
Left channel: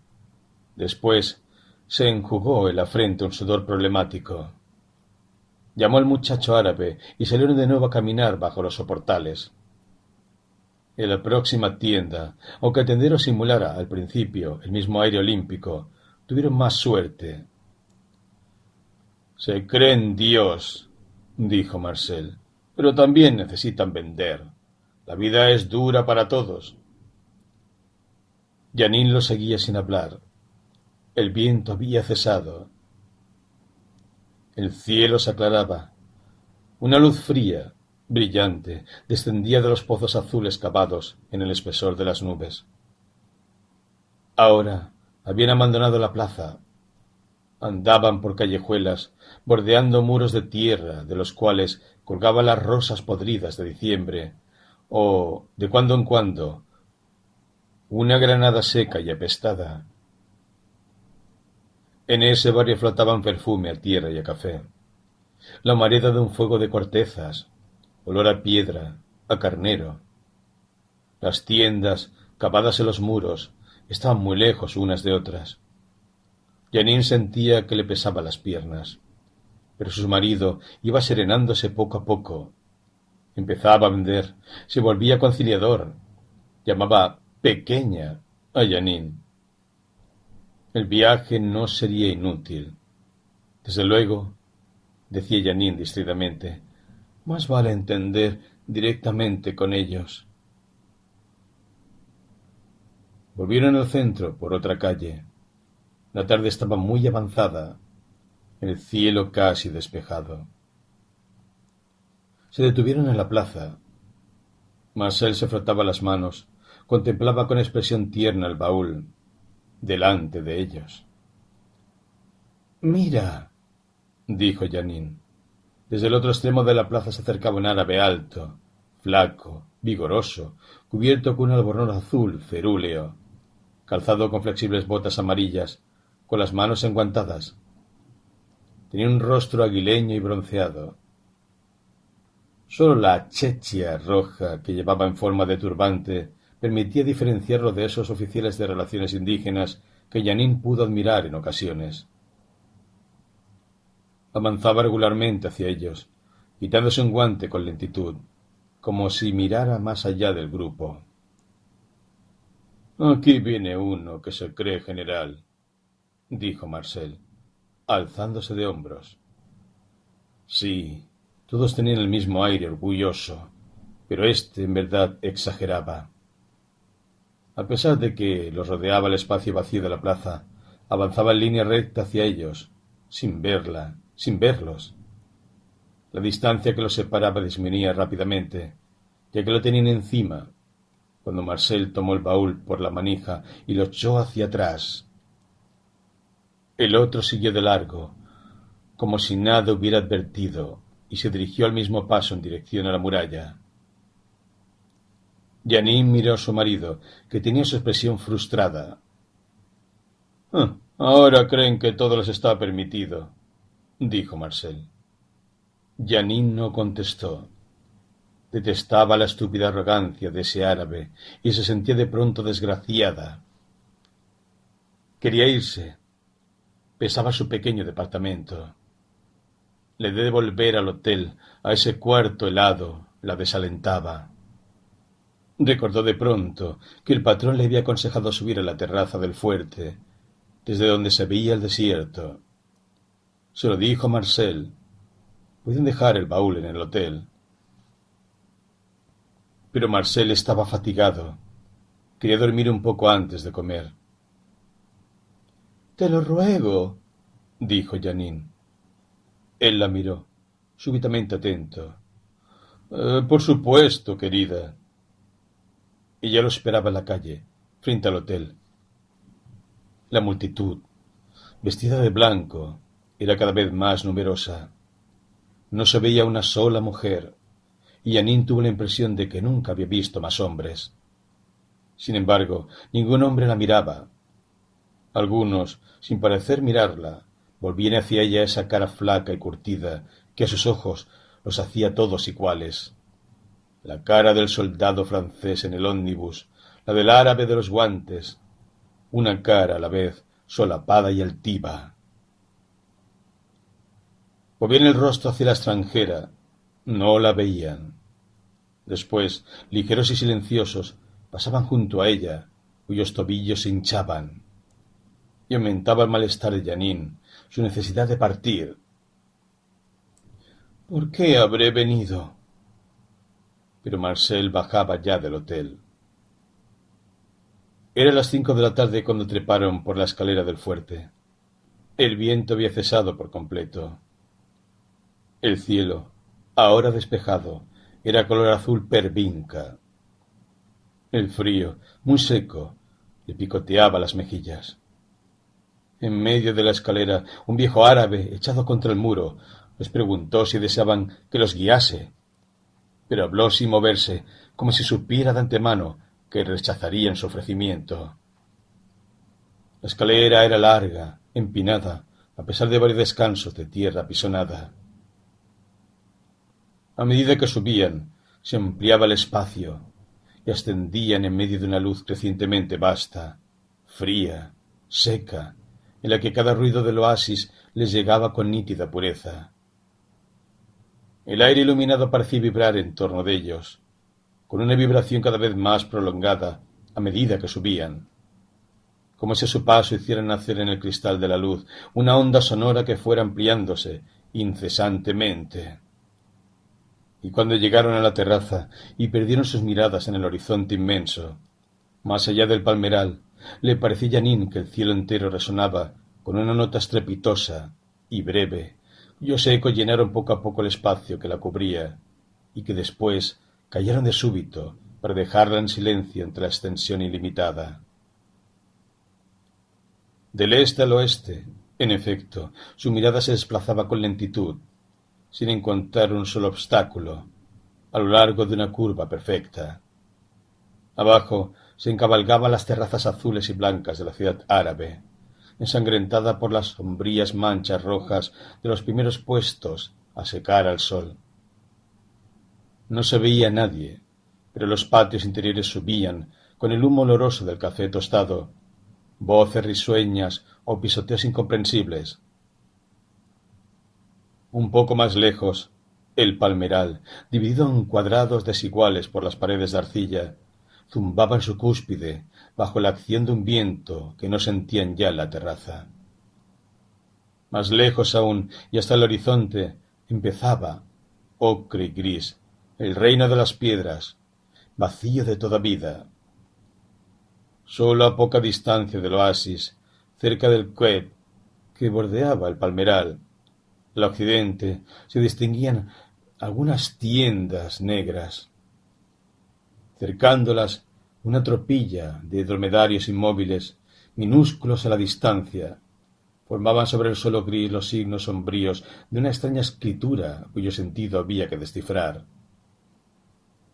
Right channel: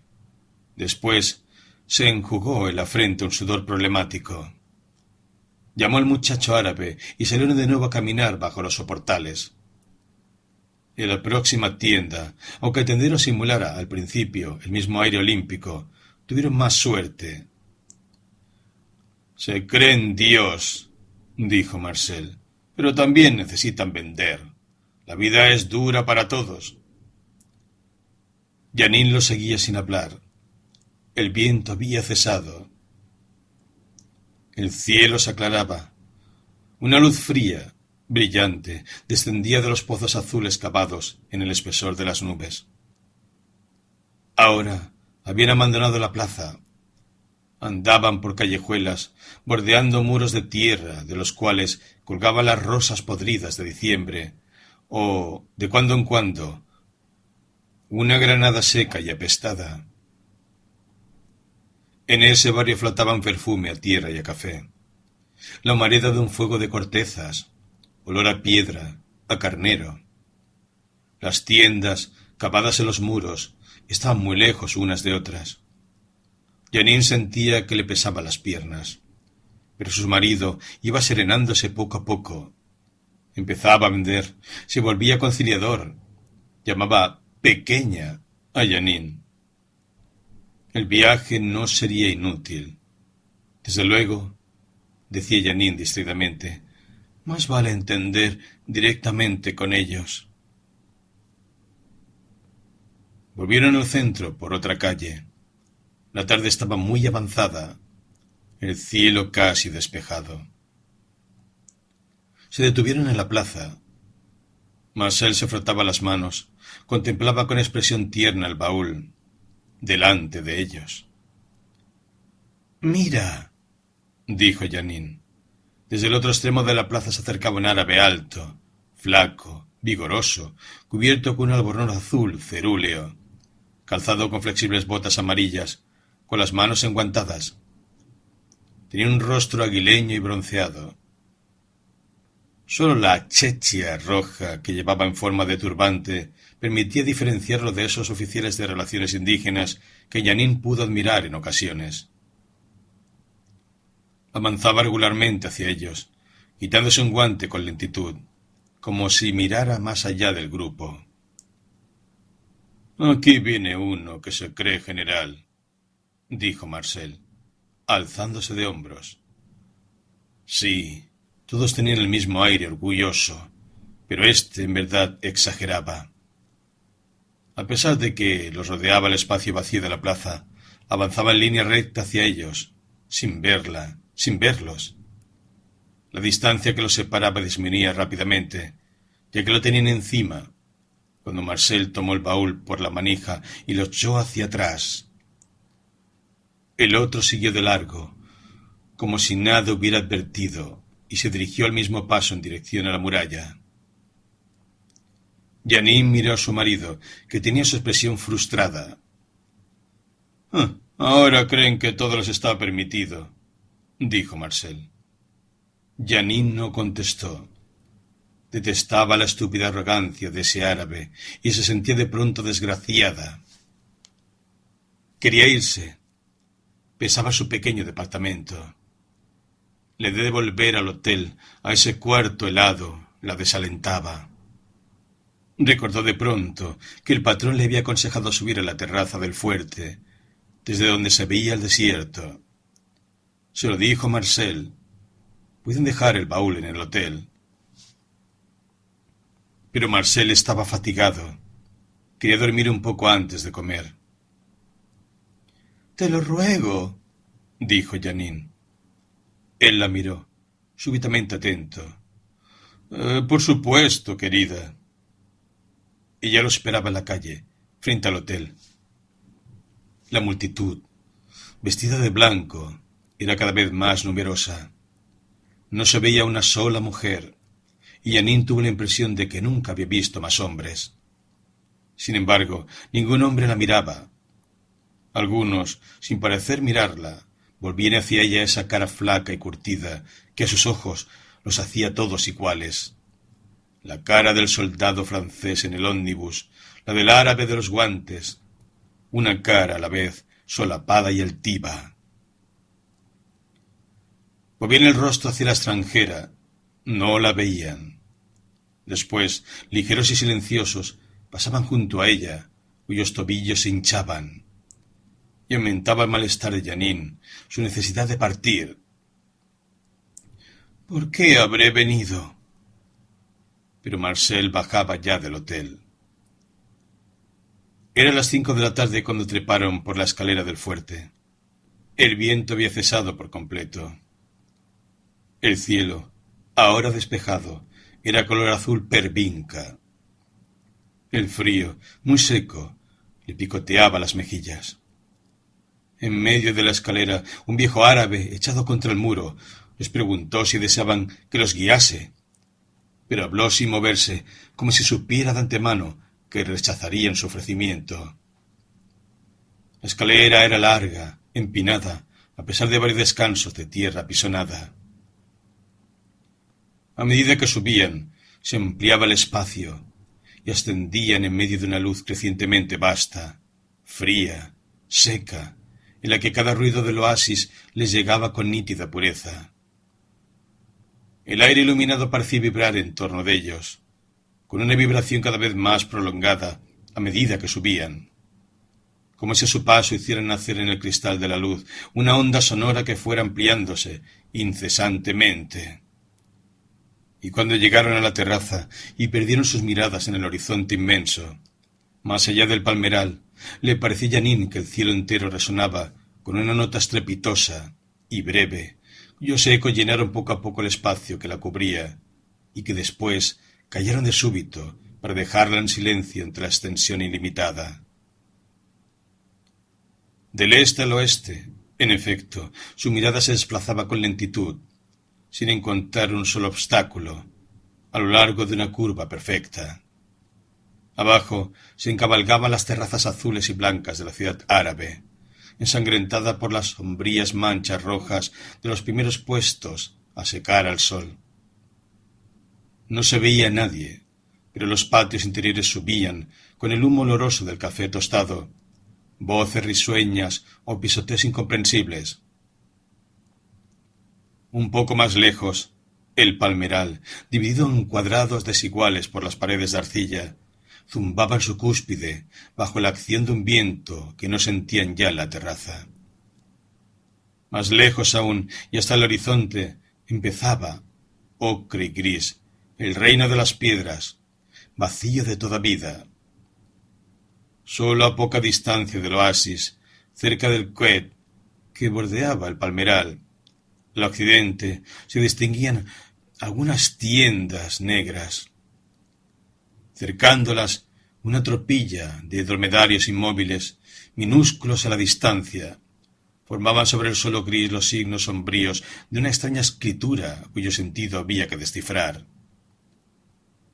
Después se enjugó en la frente un sudor problemático. Llamó al muchacho árabe y salieron de nuevo a caminar bajo los soportales. En la próxima tienda, aunque el tendero simulara al principio el mismo aire olímpico, tuvieron más suerte. «Se creen Dios», dijo Marcel, «pero también necesitan vender. La vida es dura para todos». Jeanine lo seguía sin hablar. El viento había cesado. El cielo se aclaraba. Una luz fría, brillante, descendía de los pozos azules cavados en el espesor de las nubes. Ahora habían abandonado la plaza. Andaban por callejuelas, bordeando muros de tierra de los cuales colgaban las rosas podridas de diciembre, o, de cuando en cuando, una granada seca y apestada. En ese barrio flotaban perfume a tierra y a café, la humareda de un fuego de cortezas, olor a piedra, a carnero. Las tiendas, cavadas en los muros, estaban muy lejos unas de otras. Jeanine sentía que le pesaban las piernas, pero su marido iba serenándose poco a poco. Empezaba a vender, se volvía conciliador, llamaba pequeña a Jeanine. El viaje no sería inútil. Desde luego, decía Jeanine distraídamente, más vale entender directamente con ellos. Volvieron al centro por otra calle. La tarde estaba muy avanzada, el cielo casi despejado. Se detuvieron en la plaza. Marcel se frotaba las manos, contemplaba con expresión tierna el baúl, delante de ellos. «Mira», dijo Jeanine. Desde el otro extremo de la plaza se acercaba un árabe alto, flaco, vigoroso, cubierto con un albornoz azul cerúleo, calzado con flexibles botas amarillas, con las manos enguantadas. Tenía un rostro aguileño y bronceado. Solo la chechia roja que llevaba en forma de turbante permitía diferenciarlo de esos oficiales de relaciones indígenas que Jeanine pudo admirar en ocasiones. Avanzaba regularmente hacia ellos, quitándose un guante con lentitud, como si mirara más allá del grupo. «Aquí viene uno que se cree general», dijo Marcel, alzándose de hombros. Sí, todos tenían el mismo aire orgulloso, pero éste en verdad exageraba. A pesar de que los rodeaba el espacio vacío de la plaza, avanzaba en línea recta hacia ellos, sin verlos. La distancia que los separaba disminuía rápidamente, ya que lo tenían encima, cuando Marcel tomó el baúl por la manija y lo echó hacia atrás. El otro siguió de largo, como si nada hubiera advertido, y se dirigió al mismo paso en dirección a la muralla. Jeanine miró a su marido, que tenía su expresión frustrada. «Ahora creen que todo les está permitido», dijo Marcel. Jeanine no contestó. Detestaba la estúpida arrogancia de ese árabe y se sentía de pronto desgraciada. Quería irse. Pesaba su pequeño departamento. Le de volver al hotel, a ese cuarto helado, la desalentaba. Recordó de pronto que el patrón le había aconsejado subir a la terraza del fuerte, desde donde se veía el desierto. Se lo dijo a Marcel. Pueden dejar el baúl en el hotel. Pero Marcel estaba fatigado. Quería dormir un poco antes de comer. «Te lo ruego», dijo Jeanine. Él la miró, súbitamente atento. «Por supuesto, querida». Ella lo esperaba en la calle, frente al hotel. La multitud, vestida de blanco, era cada vez más numerosa. No se veía una sola mujer, y Jeanine tuvo la impresión de que nunca había visto más hombres. Sin embargo, ningún hombre la miraba. Algunos, sin parecer mirarla, volvían hacia ella esa cara flaca y curtida que a sus ojos los hacía todos iguales. La cara del soldado francés en el ómnibus, la del árabe de los guantes, una cara a la vez solapada y altiva. Volvían el rostro hacia la extranjera, no la veían. Después, ligeros y silenciosos, pasaban junto a ella, cuyos tobillos se hinchaban. Y aumentaba el malestar de Jeanine, su necesidad de partir. «¿Por qué habré venido?» Pero Marcel bajaba ya del hotel. Eran las 5 de la tarde cuando treparon por la escalera del fuerte. El viento había cesado por completo. El cielo, ahora despejado, era color azul pervinca. El frío, muy seco, le picoteaba las mejillas. En medio de la escalera, un viejo árabe, echado contra el muro, les preguntó si deseaban que los guiase, pero habló sin moverse, como si supiera de antemano que rechazarían su ofrecimiento. La escalera era larga, empinada, a pesar de varios descansos de tierra pisonada. A medida que subían, se ampliaba el espacio y ascendían en medio de una luz crecientemente vasta, fría, seca, en la que cada ruido del oasis les llegaba con nítida pureza. El aire iluminado parecía vibrar en torno de ellos, con una vibración cada vez más prolongada a medida que subían, como si a su paso hicieran nacer en el cristal de la luz una onda sonora que fuera ampliándose incesantemente. Y cuando llegaron a la terraza y perdieron sus miradas en el horizonte inmenso, más allá del palmeral, le pareció a Jeanine que el cielo entero resonaba con una nota estrepitosa y breve, cuyos ecos llenaron poco a poco el espacio que la cubría, y que después cayeron de súbito para dejarla en silencio entre la extensión ilimitada. Del este al oeste, en efecto, su mirada se desplazaba con lentitud, sin encontrar un solo obstáculo, a lo largo de una curva perfecta. Abajo se encabalgaban las terrazas azules y blancas de la ciudad árabe, ensangrentada por las sombrías manchas rojas de los primeros puestos a secar al sol. No se veía a nadie, pero los patios interiores subían, con el humo oloroso del café tostado, voces risueñas o pisoteos incomprensibles. Un poco más lejos, el palmeral, dividido en cuadrados desiguales por las paredes de arcilla, zumbaba en su cúspide bajo la acción de un viento que no sentían ya en la terraza. Más lejos aún, y hasta el horizonte, empezaba, ocre y gris, el reino de las piedras, vacío de toda vida. Solo a poca distancia del oasis, cerca del Quet, que bordeaba el palmeral, al occidente, se distinguían algunas tiendas negras. Cercándolas, una tropilla de dromedarios inmóviles, minúsculos a la distancia, formaban sobre el suelo gris los signos sombríos de una extraña escritura cuyo sentido había que descifrar.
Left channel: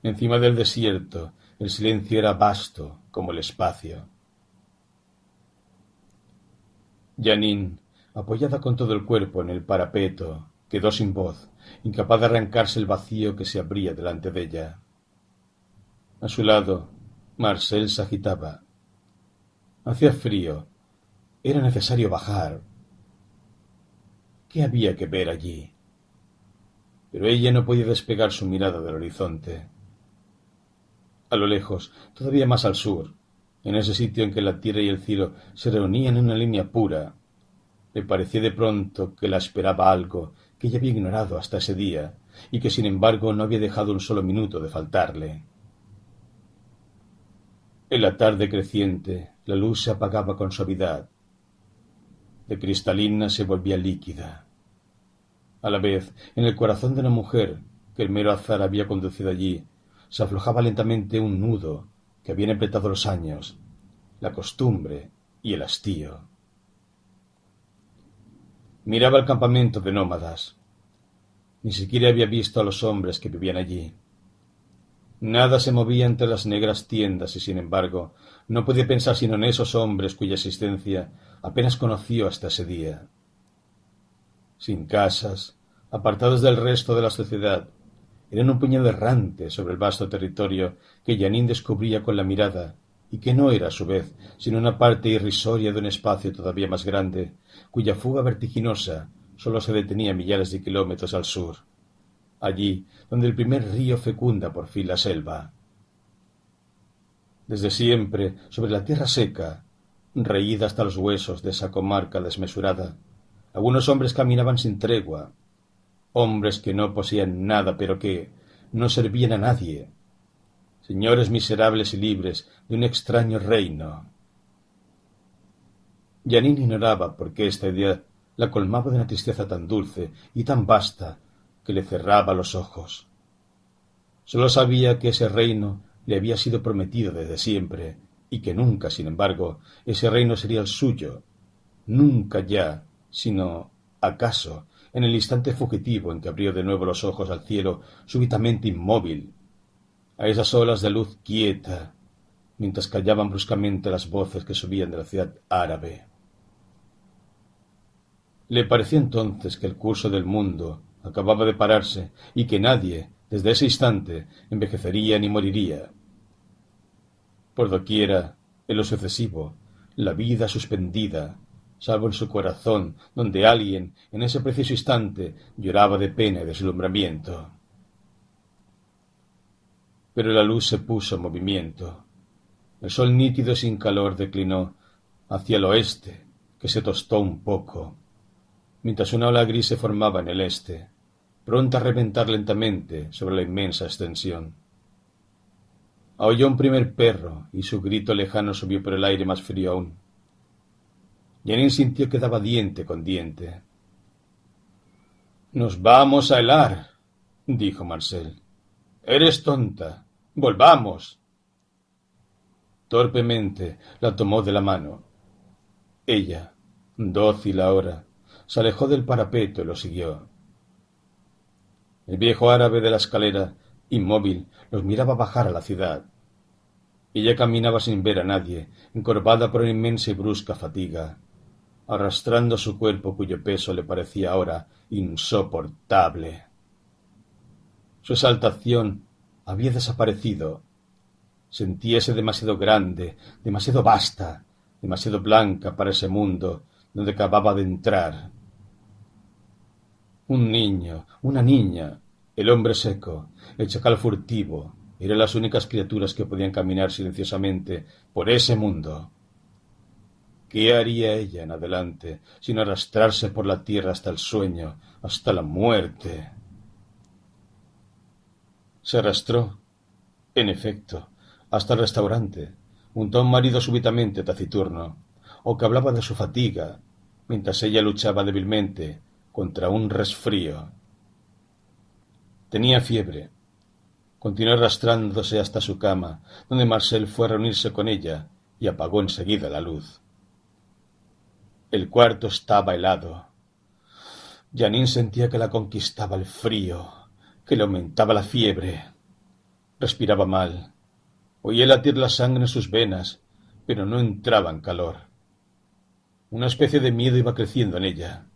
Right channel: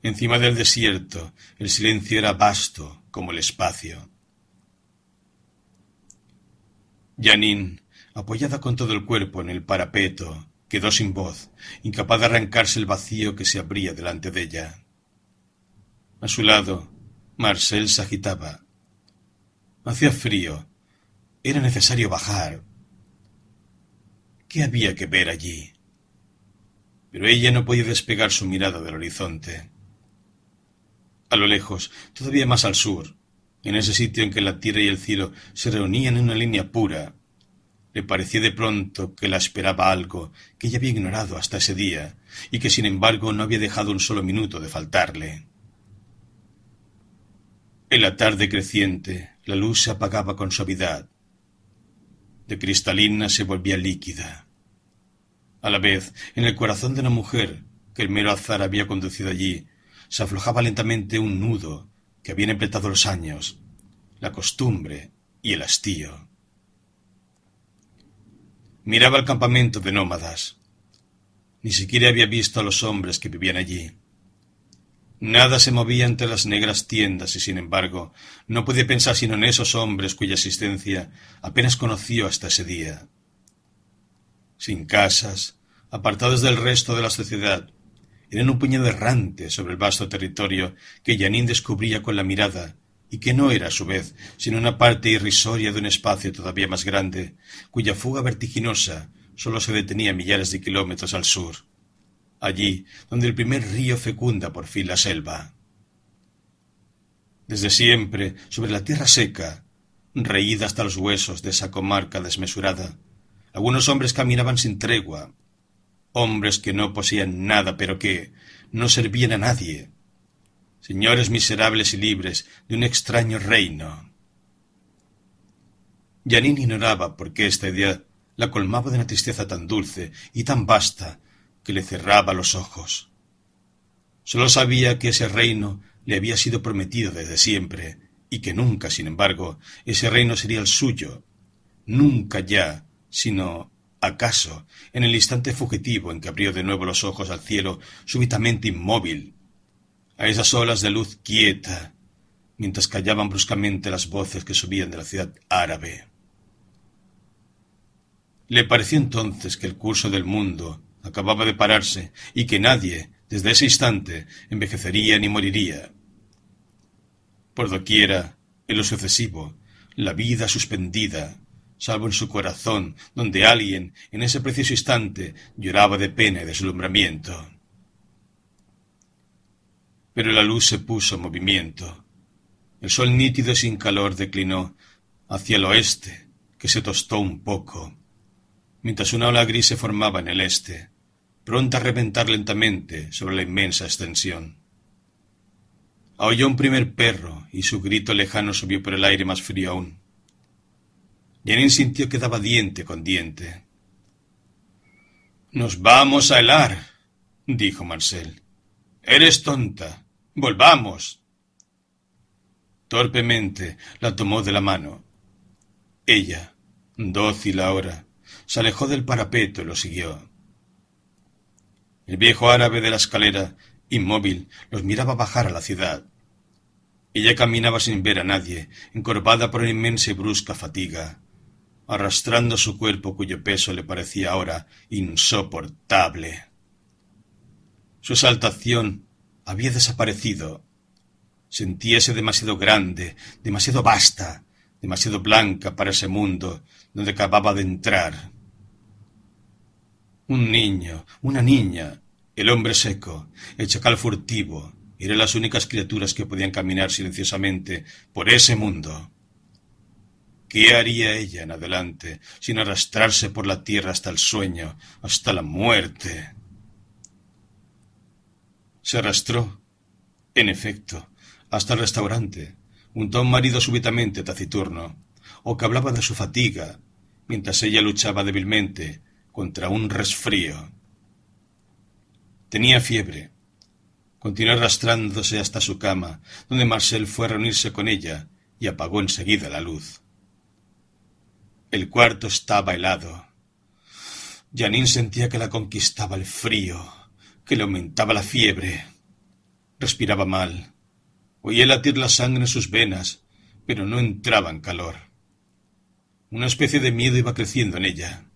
Encima del desierto, el silencio era vasto como el espacio. Janine, apoyada con todo el cuerpo en el parapeto, quedó sin voz, incapaz de arrancarse el vacío que se abría delante de ella. A su lado, Marcel se agitaba. Hacía frío. Era necesario bajar. ¿Qué había que ver allí? Pero ella no podía despegar su mirada del horizonte. A lo lejos, todavía más al sur, en ese sitio en que la tierra y el cielo se reunían en una línea pura, le pareció de pronto que la esperaba algo que ella había ignorado hasta ese día y que sin embargo no había dejado un solo minuto de faltarle. En la tarde creciente, la luz se apagaba con suavidad. De cristalina se volvía líquida. A la vez, en el corazón de una mujer que el mero azar había conducido allí, se aflojaba lentamente un nudo que habían apretado los años, la costumbre y el hastío. Miraba el campamento de nómadas. Ni siquiera había visto a los hombres que vivían allí. Nada se movía entre las negras tiendas y, sin embargo, no podía pensar sino en esos hombres cuya existencia apenas conoció hasta ese día. Sin casas, apartados del resto de la sociedad, eran un puñado errante sobre el vasto territorio que Janine descubría con la mirada y que no era, a su vez, sino una parte irrisoria de un espacio todavía más grande, cuya fuga vertiginosa sólo se detenía millares de kilómetros al sur, allí donde el primer río fecunda por fin la selva. Desde siempre, sobre la tierra seca, reída hasta los huesos de esa comarca desmesurada, algunos hombres caminaban sin tregua, hombres que no poseían nada pero que no servían a nadie, señores miserables y libres de un extraño reino. Janine ignoraba por qué esta idea la colmaba de una tristeza tan dulce y tan vasta que le cerraba los ojos. Sólo sabía que ese reino le había sido prometido desde siempre y que nunca, sin embargo, ese reino sería el suyo, nunca ya, sino acaso en el instante fugitivo en que abrió de nuevo los ojos al cielo súbitamente inmóvil, a esas olas de luz quieta, mientras callaban bruscamente las voces que subían de la ciudad árabe. Le pareció entonces que el curso del mundo acababa de pararse y que nadie, desde ese instante, envejecería ni moriría. Por doquiera, en lo sucesivo, la vida suspendida, salvo en su corazón, donde alguien, en ese preciso instante, lloraba de pena y deslumbramiento. Pero la luz se puso en movimiento. El sol nítido y sin calor declinó hacia el oeste, que se tostó un poco, mientras una ola gris se formaba en el este, pronta a reventar lentamente sobre la inmensa extensión. Aulló un primer perro y su grito lejano subió por el aire más frío aún. Janine sintió que daba diente con diente. «Nos vamos a helar», dijo Marcel. «Eres tonta. Volvamos. Torpemente la tomó de la mano. Ella, dócil ahora, se alejó del parapeto y lo siguió. El viejo árabe de la escalera, inmóvil, los miraba bajar a la ciudad. Ella caminaba sin ver a nadie, encorvada por una inmensa y brusca fatiga, arrastrando su cuerpo cuyo peso le parecía ahora insoportable. Su exaltación había desaparecido. Sentíase demasiado grande, demasiado vasta, demasiado blanca para ese mundo donde acababa de entrar. Un niño, una niña, el hombre seco, el chacal furtivo, eran las únicas criaturas que podían caminar silenciosamente por ese mundo. ¿Qué haría ella en adelante sin arrastrarse por la tierra hasta el sueño, hasta la muerte? Se arrastró, en efecto, hasta el restaurante, junto a un marido súbitamente taciturno, o que hablaba de su fatiga, mientras ella luchaba débilmente contra un resfrío. Tenía fiebre. Continuó arrastrándose hasta su cama, donde Marcel fue a reunirse con ella y apagó enseguida la luz. El cuarto estaba helado. Janine sentía que la conquistaba el frío, que le aumentaba la fiebre. Respiraba mal. Oía latir la sangre en sus venas, pero no entraba en calor. Una especie de miedo iba creciendo en ella.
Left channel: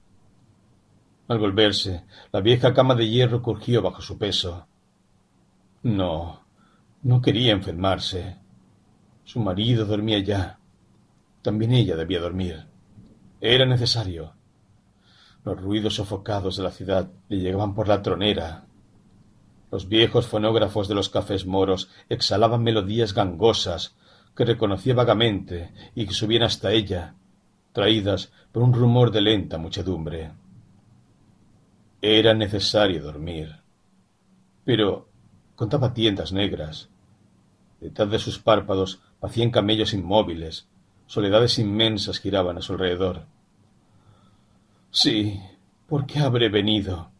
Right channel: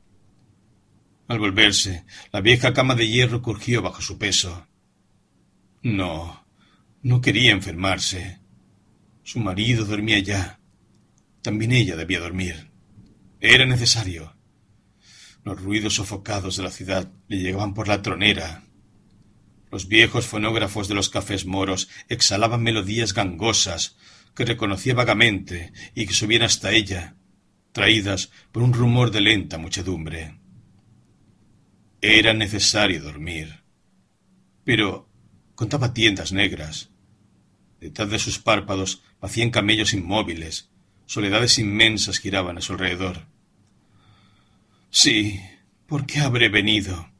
Al volverse, la vieja cama de hierro crujió bajo su peso. No quería enfermarse. Su marido dormía ya. También ella debía dormir. Era necesario. Los ruidos sofocados de la ciudad le llegaban por la tronera. Los viejos fonógrafos de los cafés moros exhalaban melodías gangosas que reconocía vagamente y que subían hasta ella, traídas por un rumor de lenta muchedumbre. Era necesario dormir. Pero contaba tiendas negras. Detrás de sus párpados hacían camellos inmóviles. Soledades inmensas giraban a su alrededor. Sí, ¿por qué habré venido?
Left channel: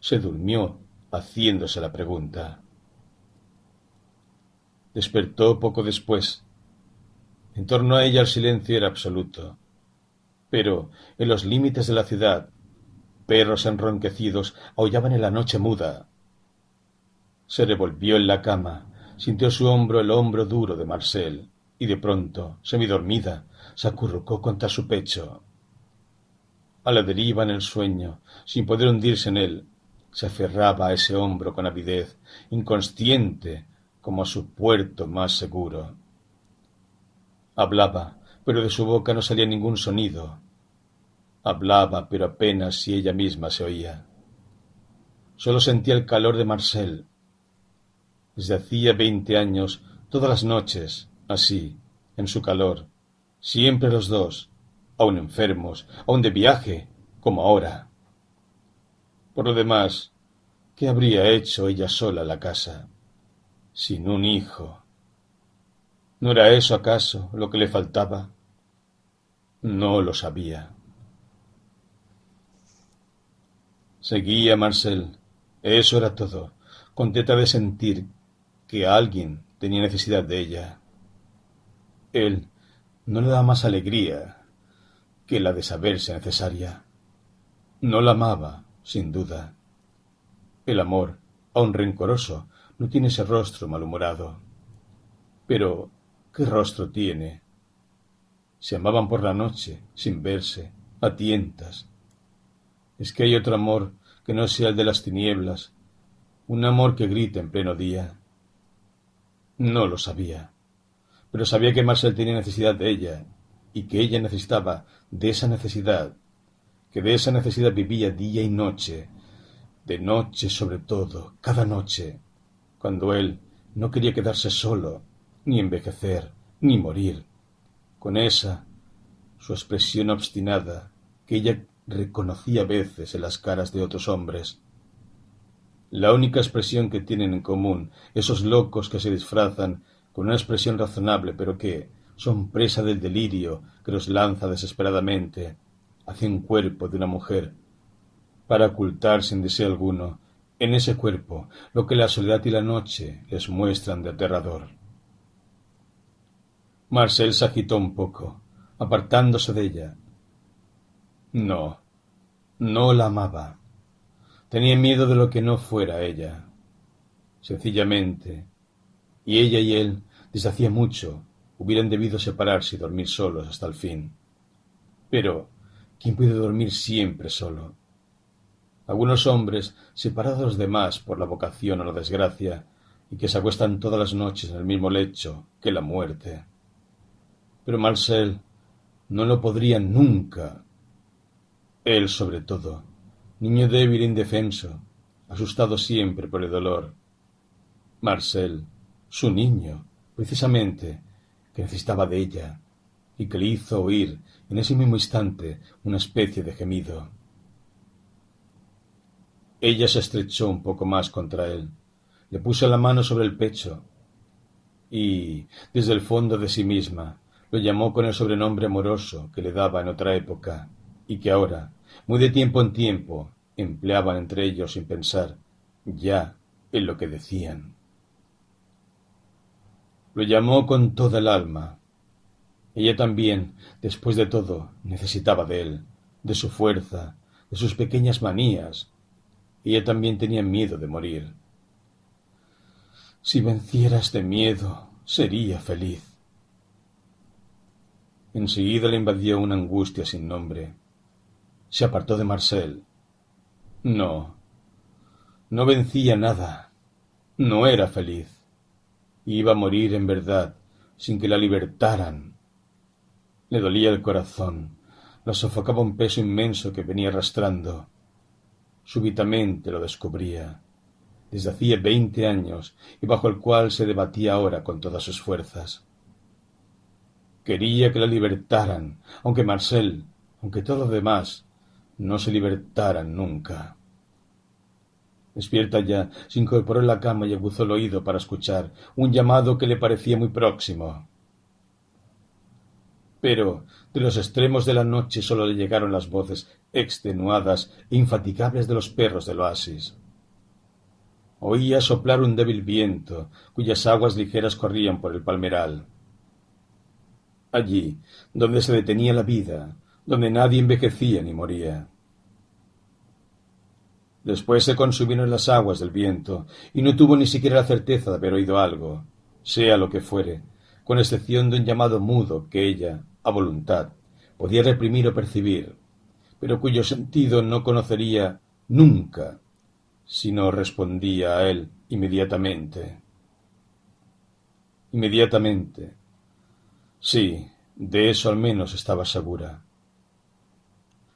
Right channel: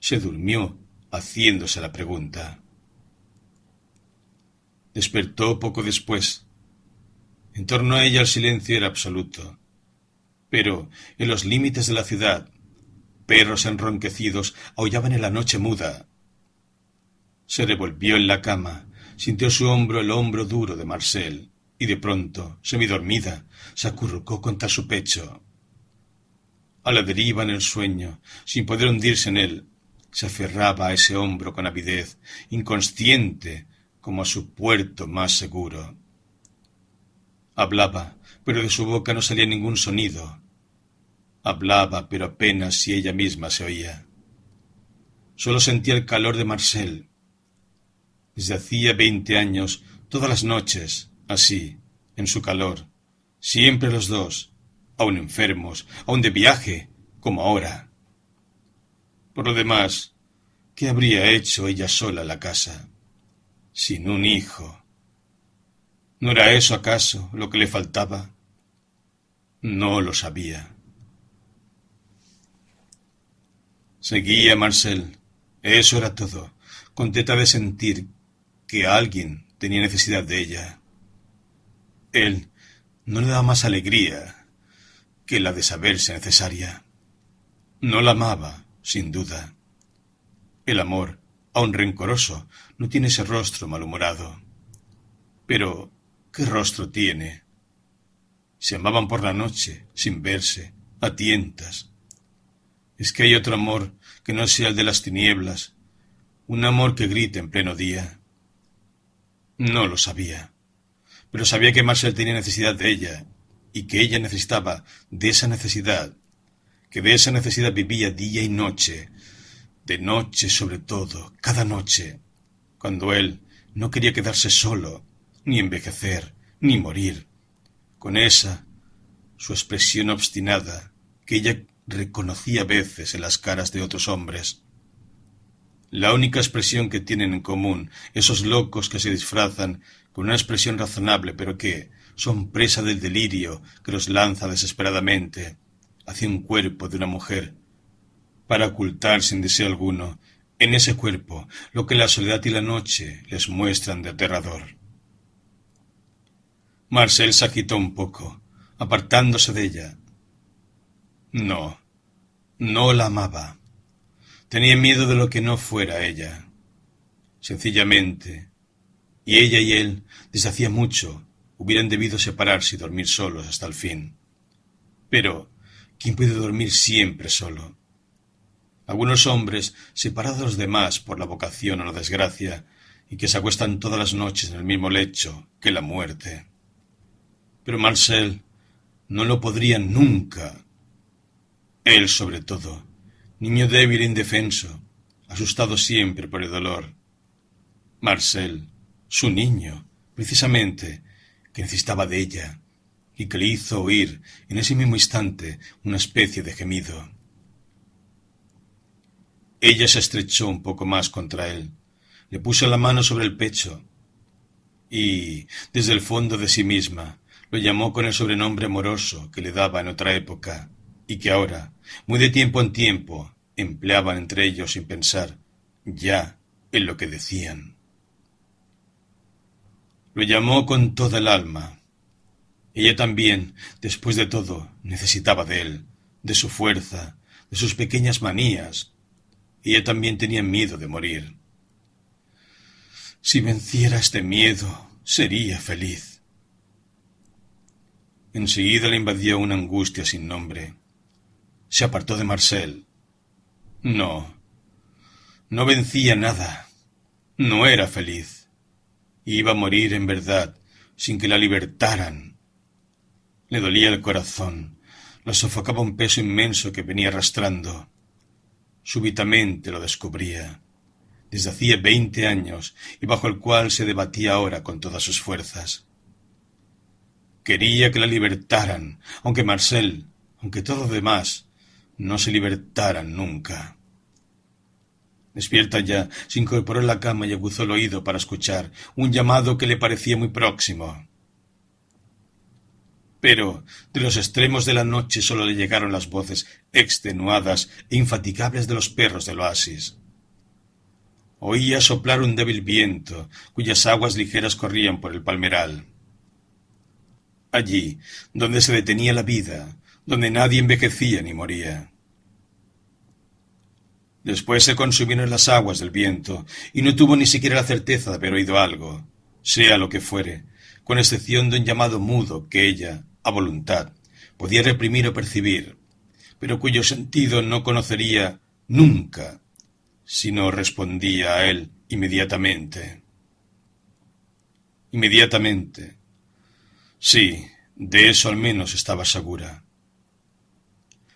Se durmió haciéndose la pregunta. Despertó poco después. En torno a ella el silencio era absoluto. Pero en los límites de la ciudad, perros enronquecidos aullaban en la noche muda. Se revolvió en la cama, sintió su hombro el hombro duro de Marcel, y de pronto, semidormida, se acurrucó contra su pecho. A la deriva en el sueño, sin poder hundirse en él, se aferraba a ese hombro con avidez, inconsciente como a su puerto más seguro. Hablaba, pero de su boca no salía ningún sonido. Hablaba, pero apenas si ella misma se oía. Solo sentía el calor de Marcel. Desde hacía 20 años, todas las noches, así, en su calor, siempre los dos, aun enfermos, aun de viaje, como ahora. Por lo demás, ¿qué habría hecho ella sola en la casa? Sin un hijo. ¿No era eso acaso lo que le faltaba? No lo sabía. Seguía Marcel. Eso era todo, contenta de sentir que alguien tenía necesidad de ella. Él no le daba más alegría que la de saberse necesaria. No la amaba, sin duda. El amor, aun rencoroso, no tiene ese rostro malhumorado. Pero, ¿qué rostro tiene? Se amaban por la noche, sin verse, a tientas. ¿Es que hay otro amor que no sea el de las tinieblas? Un amor que grite en pleno día. No lo sabía, pero sabía que Marcel tenía necesidad de ella, y que ella necesitaba de esa necesidad, que de esa necesidad vivía día y noche, de noche sobre todo, cada noche, cuando él no quería quedarse solo, ni envejecer, ni morir, con esa, su expresión obstinada, que ella reconocía a veces en las caras de otros hombres. La única expresión que tienen en común esos locos que se disfrazan con una expresión razonable, pero que son presa del delirio que los lanza desesperadamente hacia un cuerpo de una mujer, para ocultar sin deseo alguno en ese cuerpo lo que la soledad y la noche les muestran de aterrador. Marcel se agitó un poco, apartándose de ella. No, no la amaba. Tenía miedo de lo que no fuera ella. Sencillamente, y ella y él, desde hacía mucho, hubieran debido separarse y dormir solos hasta el fin. Pero, ¿quién puede dormir siempre solo? Algunos hombres, separados de los demás por la vocación o la desgracia, y que se acuestan todas las noches en el mismo lecho que la muerte. Pero Marcel no lo podría nunca. Él, sobre todo, niño débil e indefenso, asustado siempre por el dolor. Marcel, su niño, precisamente, que necesitaba de ella, y que le hizo oír en ese mismo instante una especie de gemido. Ella se estrechó un poco más contra él, le puso la mano sobre el pecho y, desde el fondo de sí misma, lo llamó con el sobrenombre amoroso que le daba en otra época y que ahora, muy de tiempo en tiempo, empleaban entre ellos sin pensar ya en lo que decían. Lo llamó con toda el alma. Ella también, después de todo, necesitaba de él, de su fuerza, de sus pequeñas manías. Ella también tenía miedo de morir. Si venciera este miedo, sería feliz. Enseguida le invadió una angustia sin nombre. Se apartó de Marcel. No, no vencía nada. No era feliz. Iba a morir en verdad, sin que la libertaran. Le dolía el corazón. La sofocaba un peso inmenso que venía arrastrando. Súbitamente lo descubría, desde hacía 20 años, y bajo el cual se debatía ahora con todas sus fuerzas. Quería que la libertaran, aunque Marcel, aunque todo lo demás, no se libertaran nunca. Despierta ya, se incorporó en la cama y aguzó el oído para escuchar un llamado que le parecía muy próximo. Pero de los extremos de la noche solo le llegaron las voces extenuadas e infatigables de los perros del oasis. Oía soplar un débil viento, cuyas aguas ligeras corrían por el palmeral. Allí, donde se detenía la vida, donde nadie envejecía ni moría. Después se consumieron las aguas del viento, y no tuvo ni siquiera la certeza de haber oído algo, sea lo que fuere, con excepción de un llamado mudo que ella, a voluntad, podía reprimir o percibir, pero cuyo sentido no conocería nunca, si no respondía a él inmediatamente. Inmediatamente. Sí, de eso al menos estaba segura.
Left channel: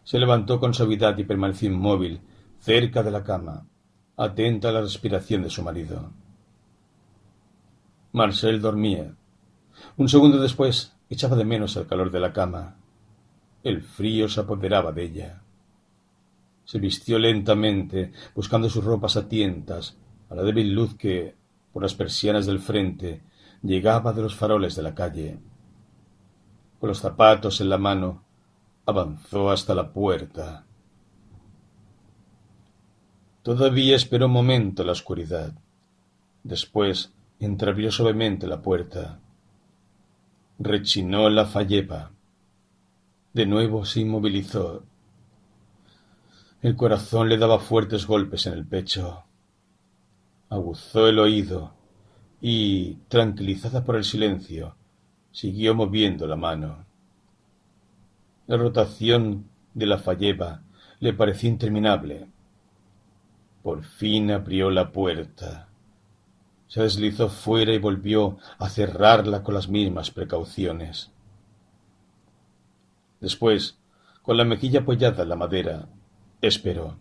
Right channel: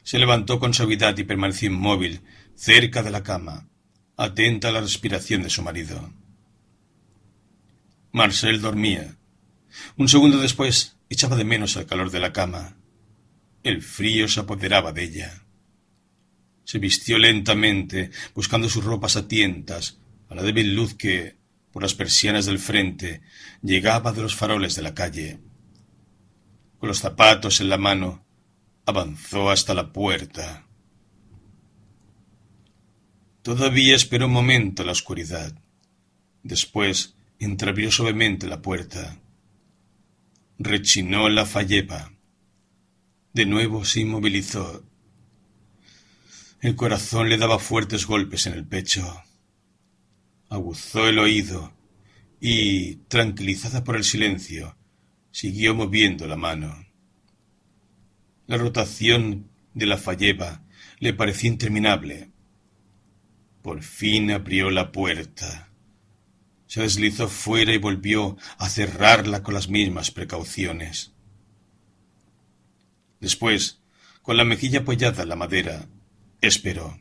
Se levantó con suavidad y permaneció inmóvil, cerca de la cama, atenta a la respiración de su marido. Marcel dormía. Un segundo después echaba de menos el calor de la cama. El frío se apoderaba de ella. Se vistió lentamente, buscando sus ropas a tientas, a la débil luz que, por las persianas del frente, llegaba de los faroles de la calle. Con los zapatos en la mano, avanzó hasta la puerta. Todavía esperó un momento en la oscuridad. Después entreabrió suavemente la puerta. Rechinó la falleba. De nuevo se inmovilizó. El corazón le daba fuertes golpes en el pecho. Aguzó el oído y, tranquilizada por el silencio, siguió moviendo la mano. La rotación de la falleba le parecía interminable. Por fin abrió la puerta. Se deslizó fuera y volvió a cerrarla con las mismas precauciones. Después, con la mejilla apoyada en la madera, esperó.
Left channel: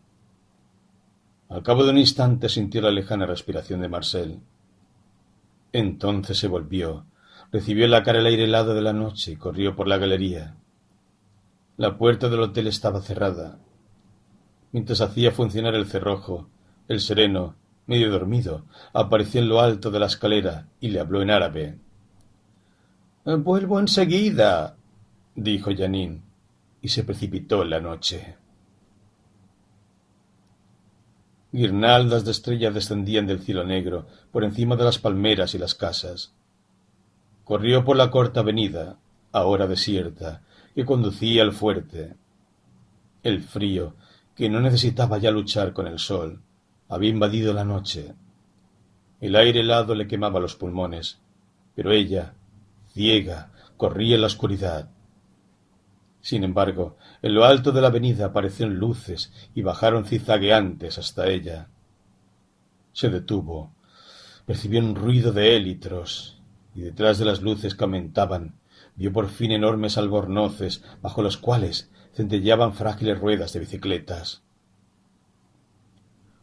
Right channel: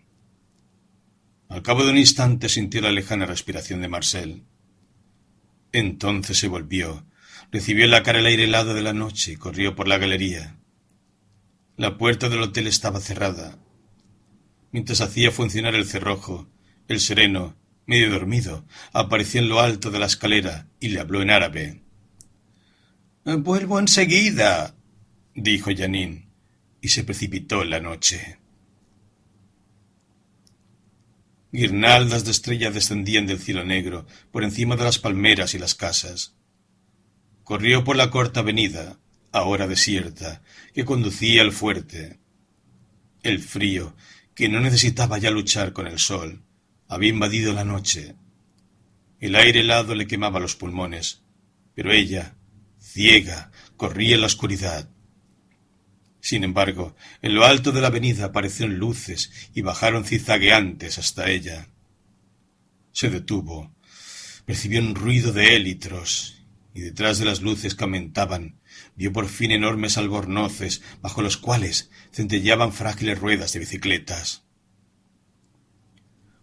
Al cabo de un instante sintió la lejana respiración de Marcel. Entonces se volvió, recibió en la cara el aire helado de la noche y corrió por la galería. La puerta del hotel estaba cerrada. Mientras hacía funcionar el cerrojo, el sereno, medio dormido, apareció en lo alto de la escalera y le habló en árabe. «Vuelvo enseguida», dijo Janine, y se precipitó en la noche. Guirnaldas de estrellas descendían del cielo negro por encima de las palmeras y las casas. Corrió por la corta avenida, ahora desierta, que conducía al fuerte. El frío, que no necesitaba ya luchar con el sol, había invadido la noche. El aire helado le quemaba los pulmones, pero ella, ciega, corría en la oscuridad. Sin embargo, en lo alto de la avenida aparecieron luces y bajaron zigzagueantes hasta ella. Se detuvo, percibió un ruido de élitros, y detrás de las luces que aumentaban, vio por fin enormes albornoces bajo los cuales centelleaban frágiles ruedas de bicicletas.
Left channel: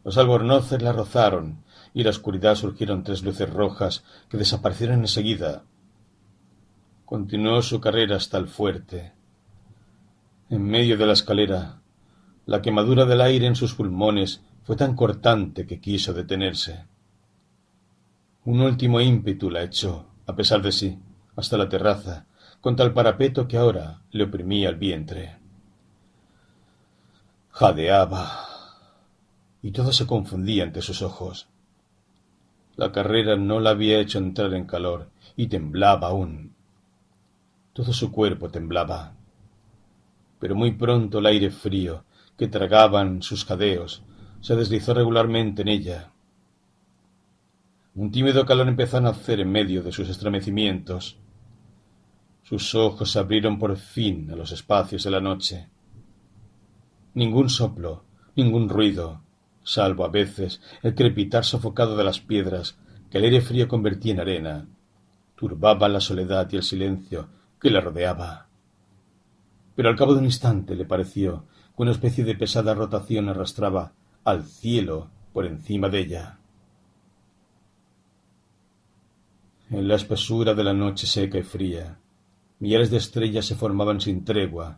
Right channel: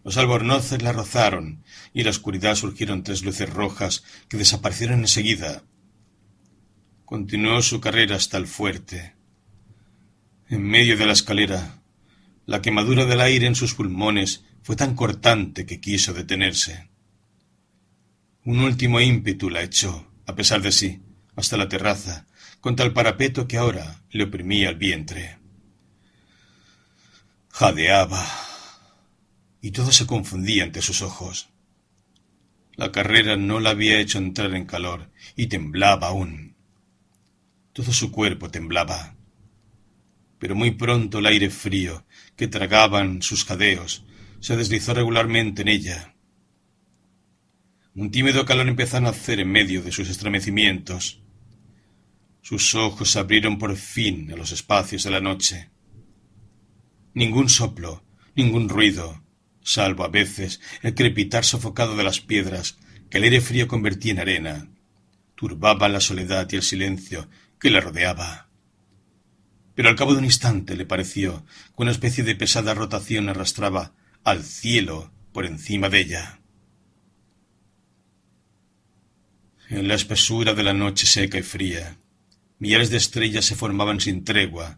Los albornoces la rozaron, y en la oscuridad surgieron 3 luces rojas que desaparecieron enseguida. Continuó su carrera hasta el fuerte. En medio de la escalera, la quemadura del aire en sus pulmones fue tan cortante que quiso detenerse. Un último ímpetu la echó, a pesar de sí, hasta la terraza, contra el parapeto que ahora le oprimía el vientre. Jadeaba, y todo se confundía ante sus ojos. La carrera no la había hecho entrar en calor, y temblaba aún. Todo su cuerpo temblaba. Pero muy pronto el aire frío, que tragaban sus jadeos, se deslizó regularmente en ella. Un tímido calor empezó a nacer en medio de sus estremecimientos. Sus ojos se abrieron por fin a los espacios de la noche. Ningún soplo, ningún ruido, salvo a veces el crepitar sofocado de las piedras que el aire frío convertía en arena, turbaban la soledad y el silencio que la rodeaba. Pero al cabo de un instante le pareció que una especie de pesada rotación arrastraba al cielo por encima de ella. En la espesura de la noche seca y fría, millares de estrellas se formaban sin tregua,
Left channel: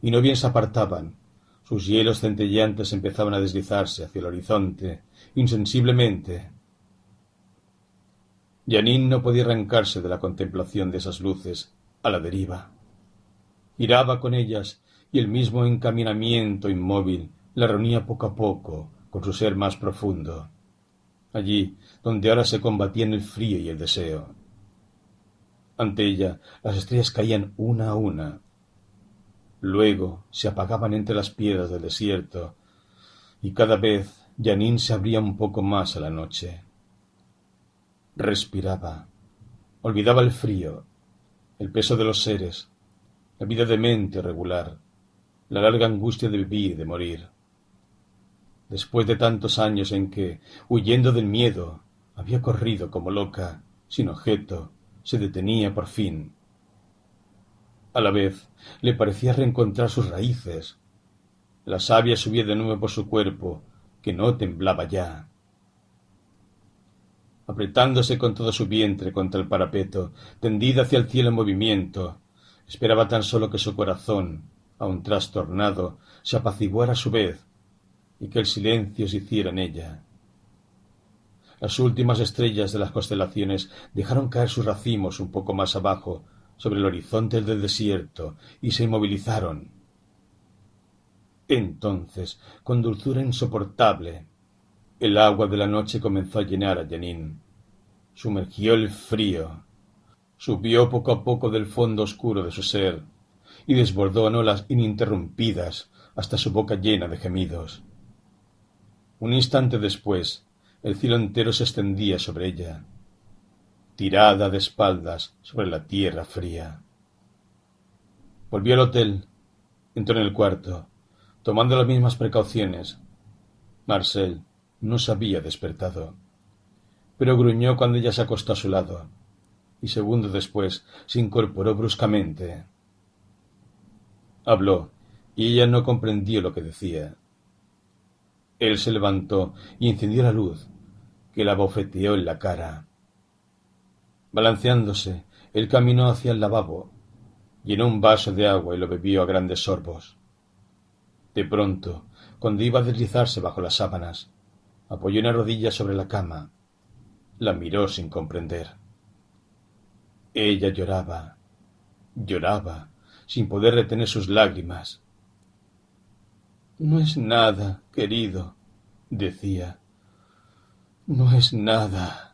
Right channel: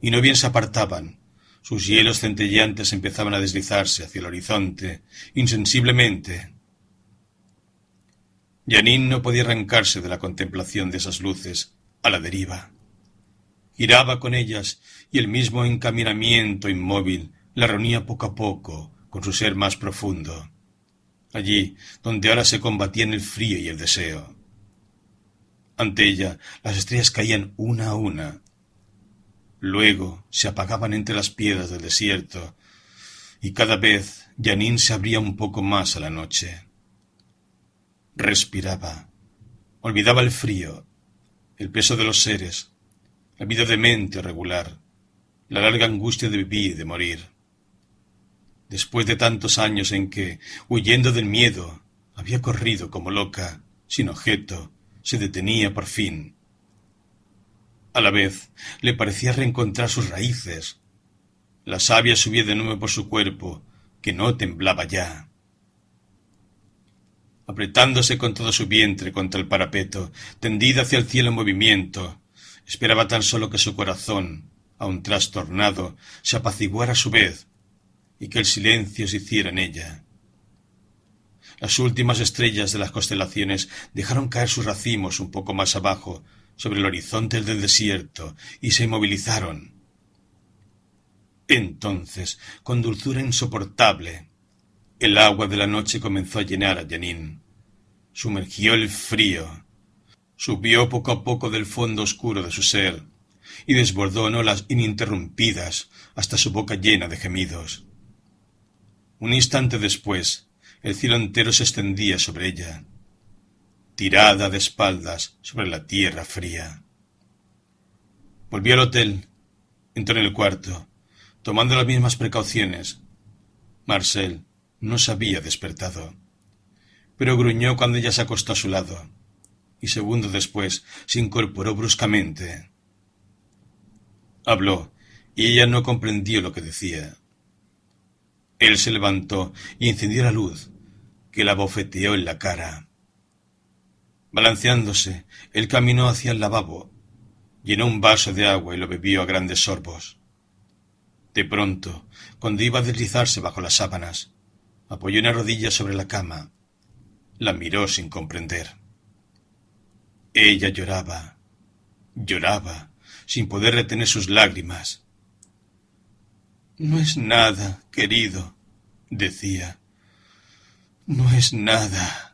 y no bien se apartaban, sus hielos centelleantes empezaban a deslizarse hacia el horizonte, insensiblemente. Jeanine no podía arrancarse de la contemplación de esas luces, a la deriva. Giraba con ellas, y el mismo encaminamiento inmóvil la reunía poco a poco con su ser más profundo, allí donde ahora se combatían el frío y el deseo. Ante ella las estrellas caían una a una. Luego se apagaban entre las piedras del desierto, y cada vez Jeanine se abría un poco más a la noche. Respiraba, olvidaba el frío, el peso de los seres, la vida demente o regular, la larga angustia de vivir y de morir. Después de tantos años en que, huyendo del miedo, había corrido como loca, sin objeto, se detenía por fin. A la vez le parecía reencontrar sus raíces. La savia subía de nuevo por su cuerpo, que no temblaba ya. Apretándose con todo su vientre contra el parapeto, tendida hacia el cielo en movimiento, esperaba tan solo que su corazón, aun trastornado, se apaciguara a su vez, y que el silencio se hiciera en ella. Las últimas estrellas de las constelaciones dejaron caer sus racimos un poco más abajo, sobre el horizonte del desierto, y se inmovilizaron. Entonces, con dulzura insoportable, el agua de la noche comenzó a llenar a Jeanine. Sumergió el frío, subió poco a poco del fondo oscuro de su ser, y desbordó en olas ininterrumpidas hasta su boca llena de gemidos. Un instante después, el cielo entero se extendía sobre ella, tirada de espaldas sobre la tierra fría. Volvió al hotel, entró en el cuarto, tomando las mismas precauciones. Marcel no se había despertado, pero gruñó cuando ella se acostó a su lado, y segundos después se incorporó bruscamente. Habló, y ella no comprendió lo que decía. Él se levantó y encendió la luz, que la abofeteó en la cara. Balanceándose, él caminó hacia el lavabo, llenó un vaso de agua y lo bebió a grandes sorbos. De pronto, cuando iba a deslizarse bajo las sábanas, apoyó una rodilla sobre la cama. La miró sin comprender. Ella lloraba, sin poder retener sus lágrimas. «No es nada, querido», Decía, no es nada.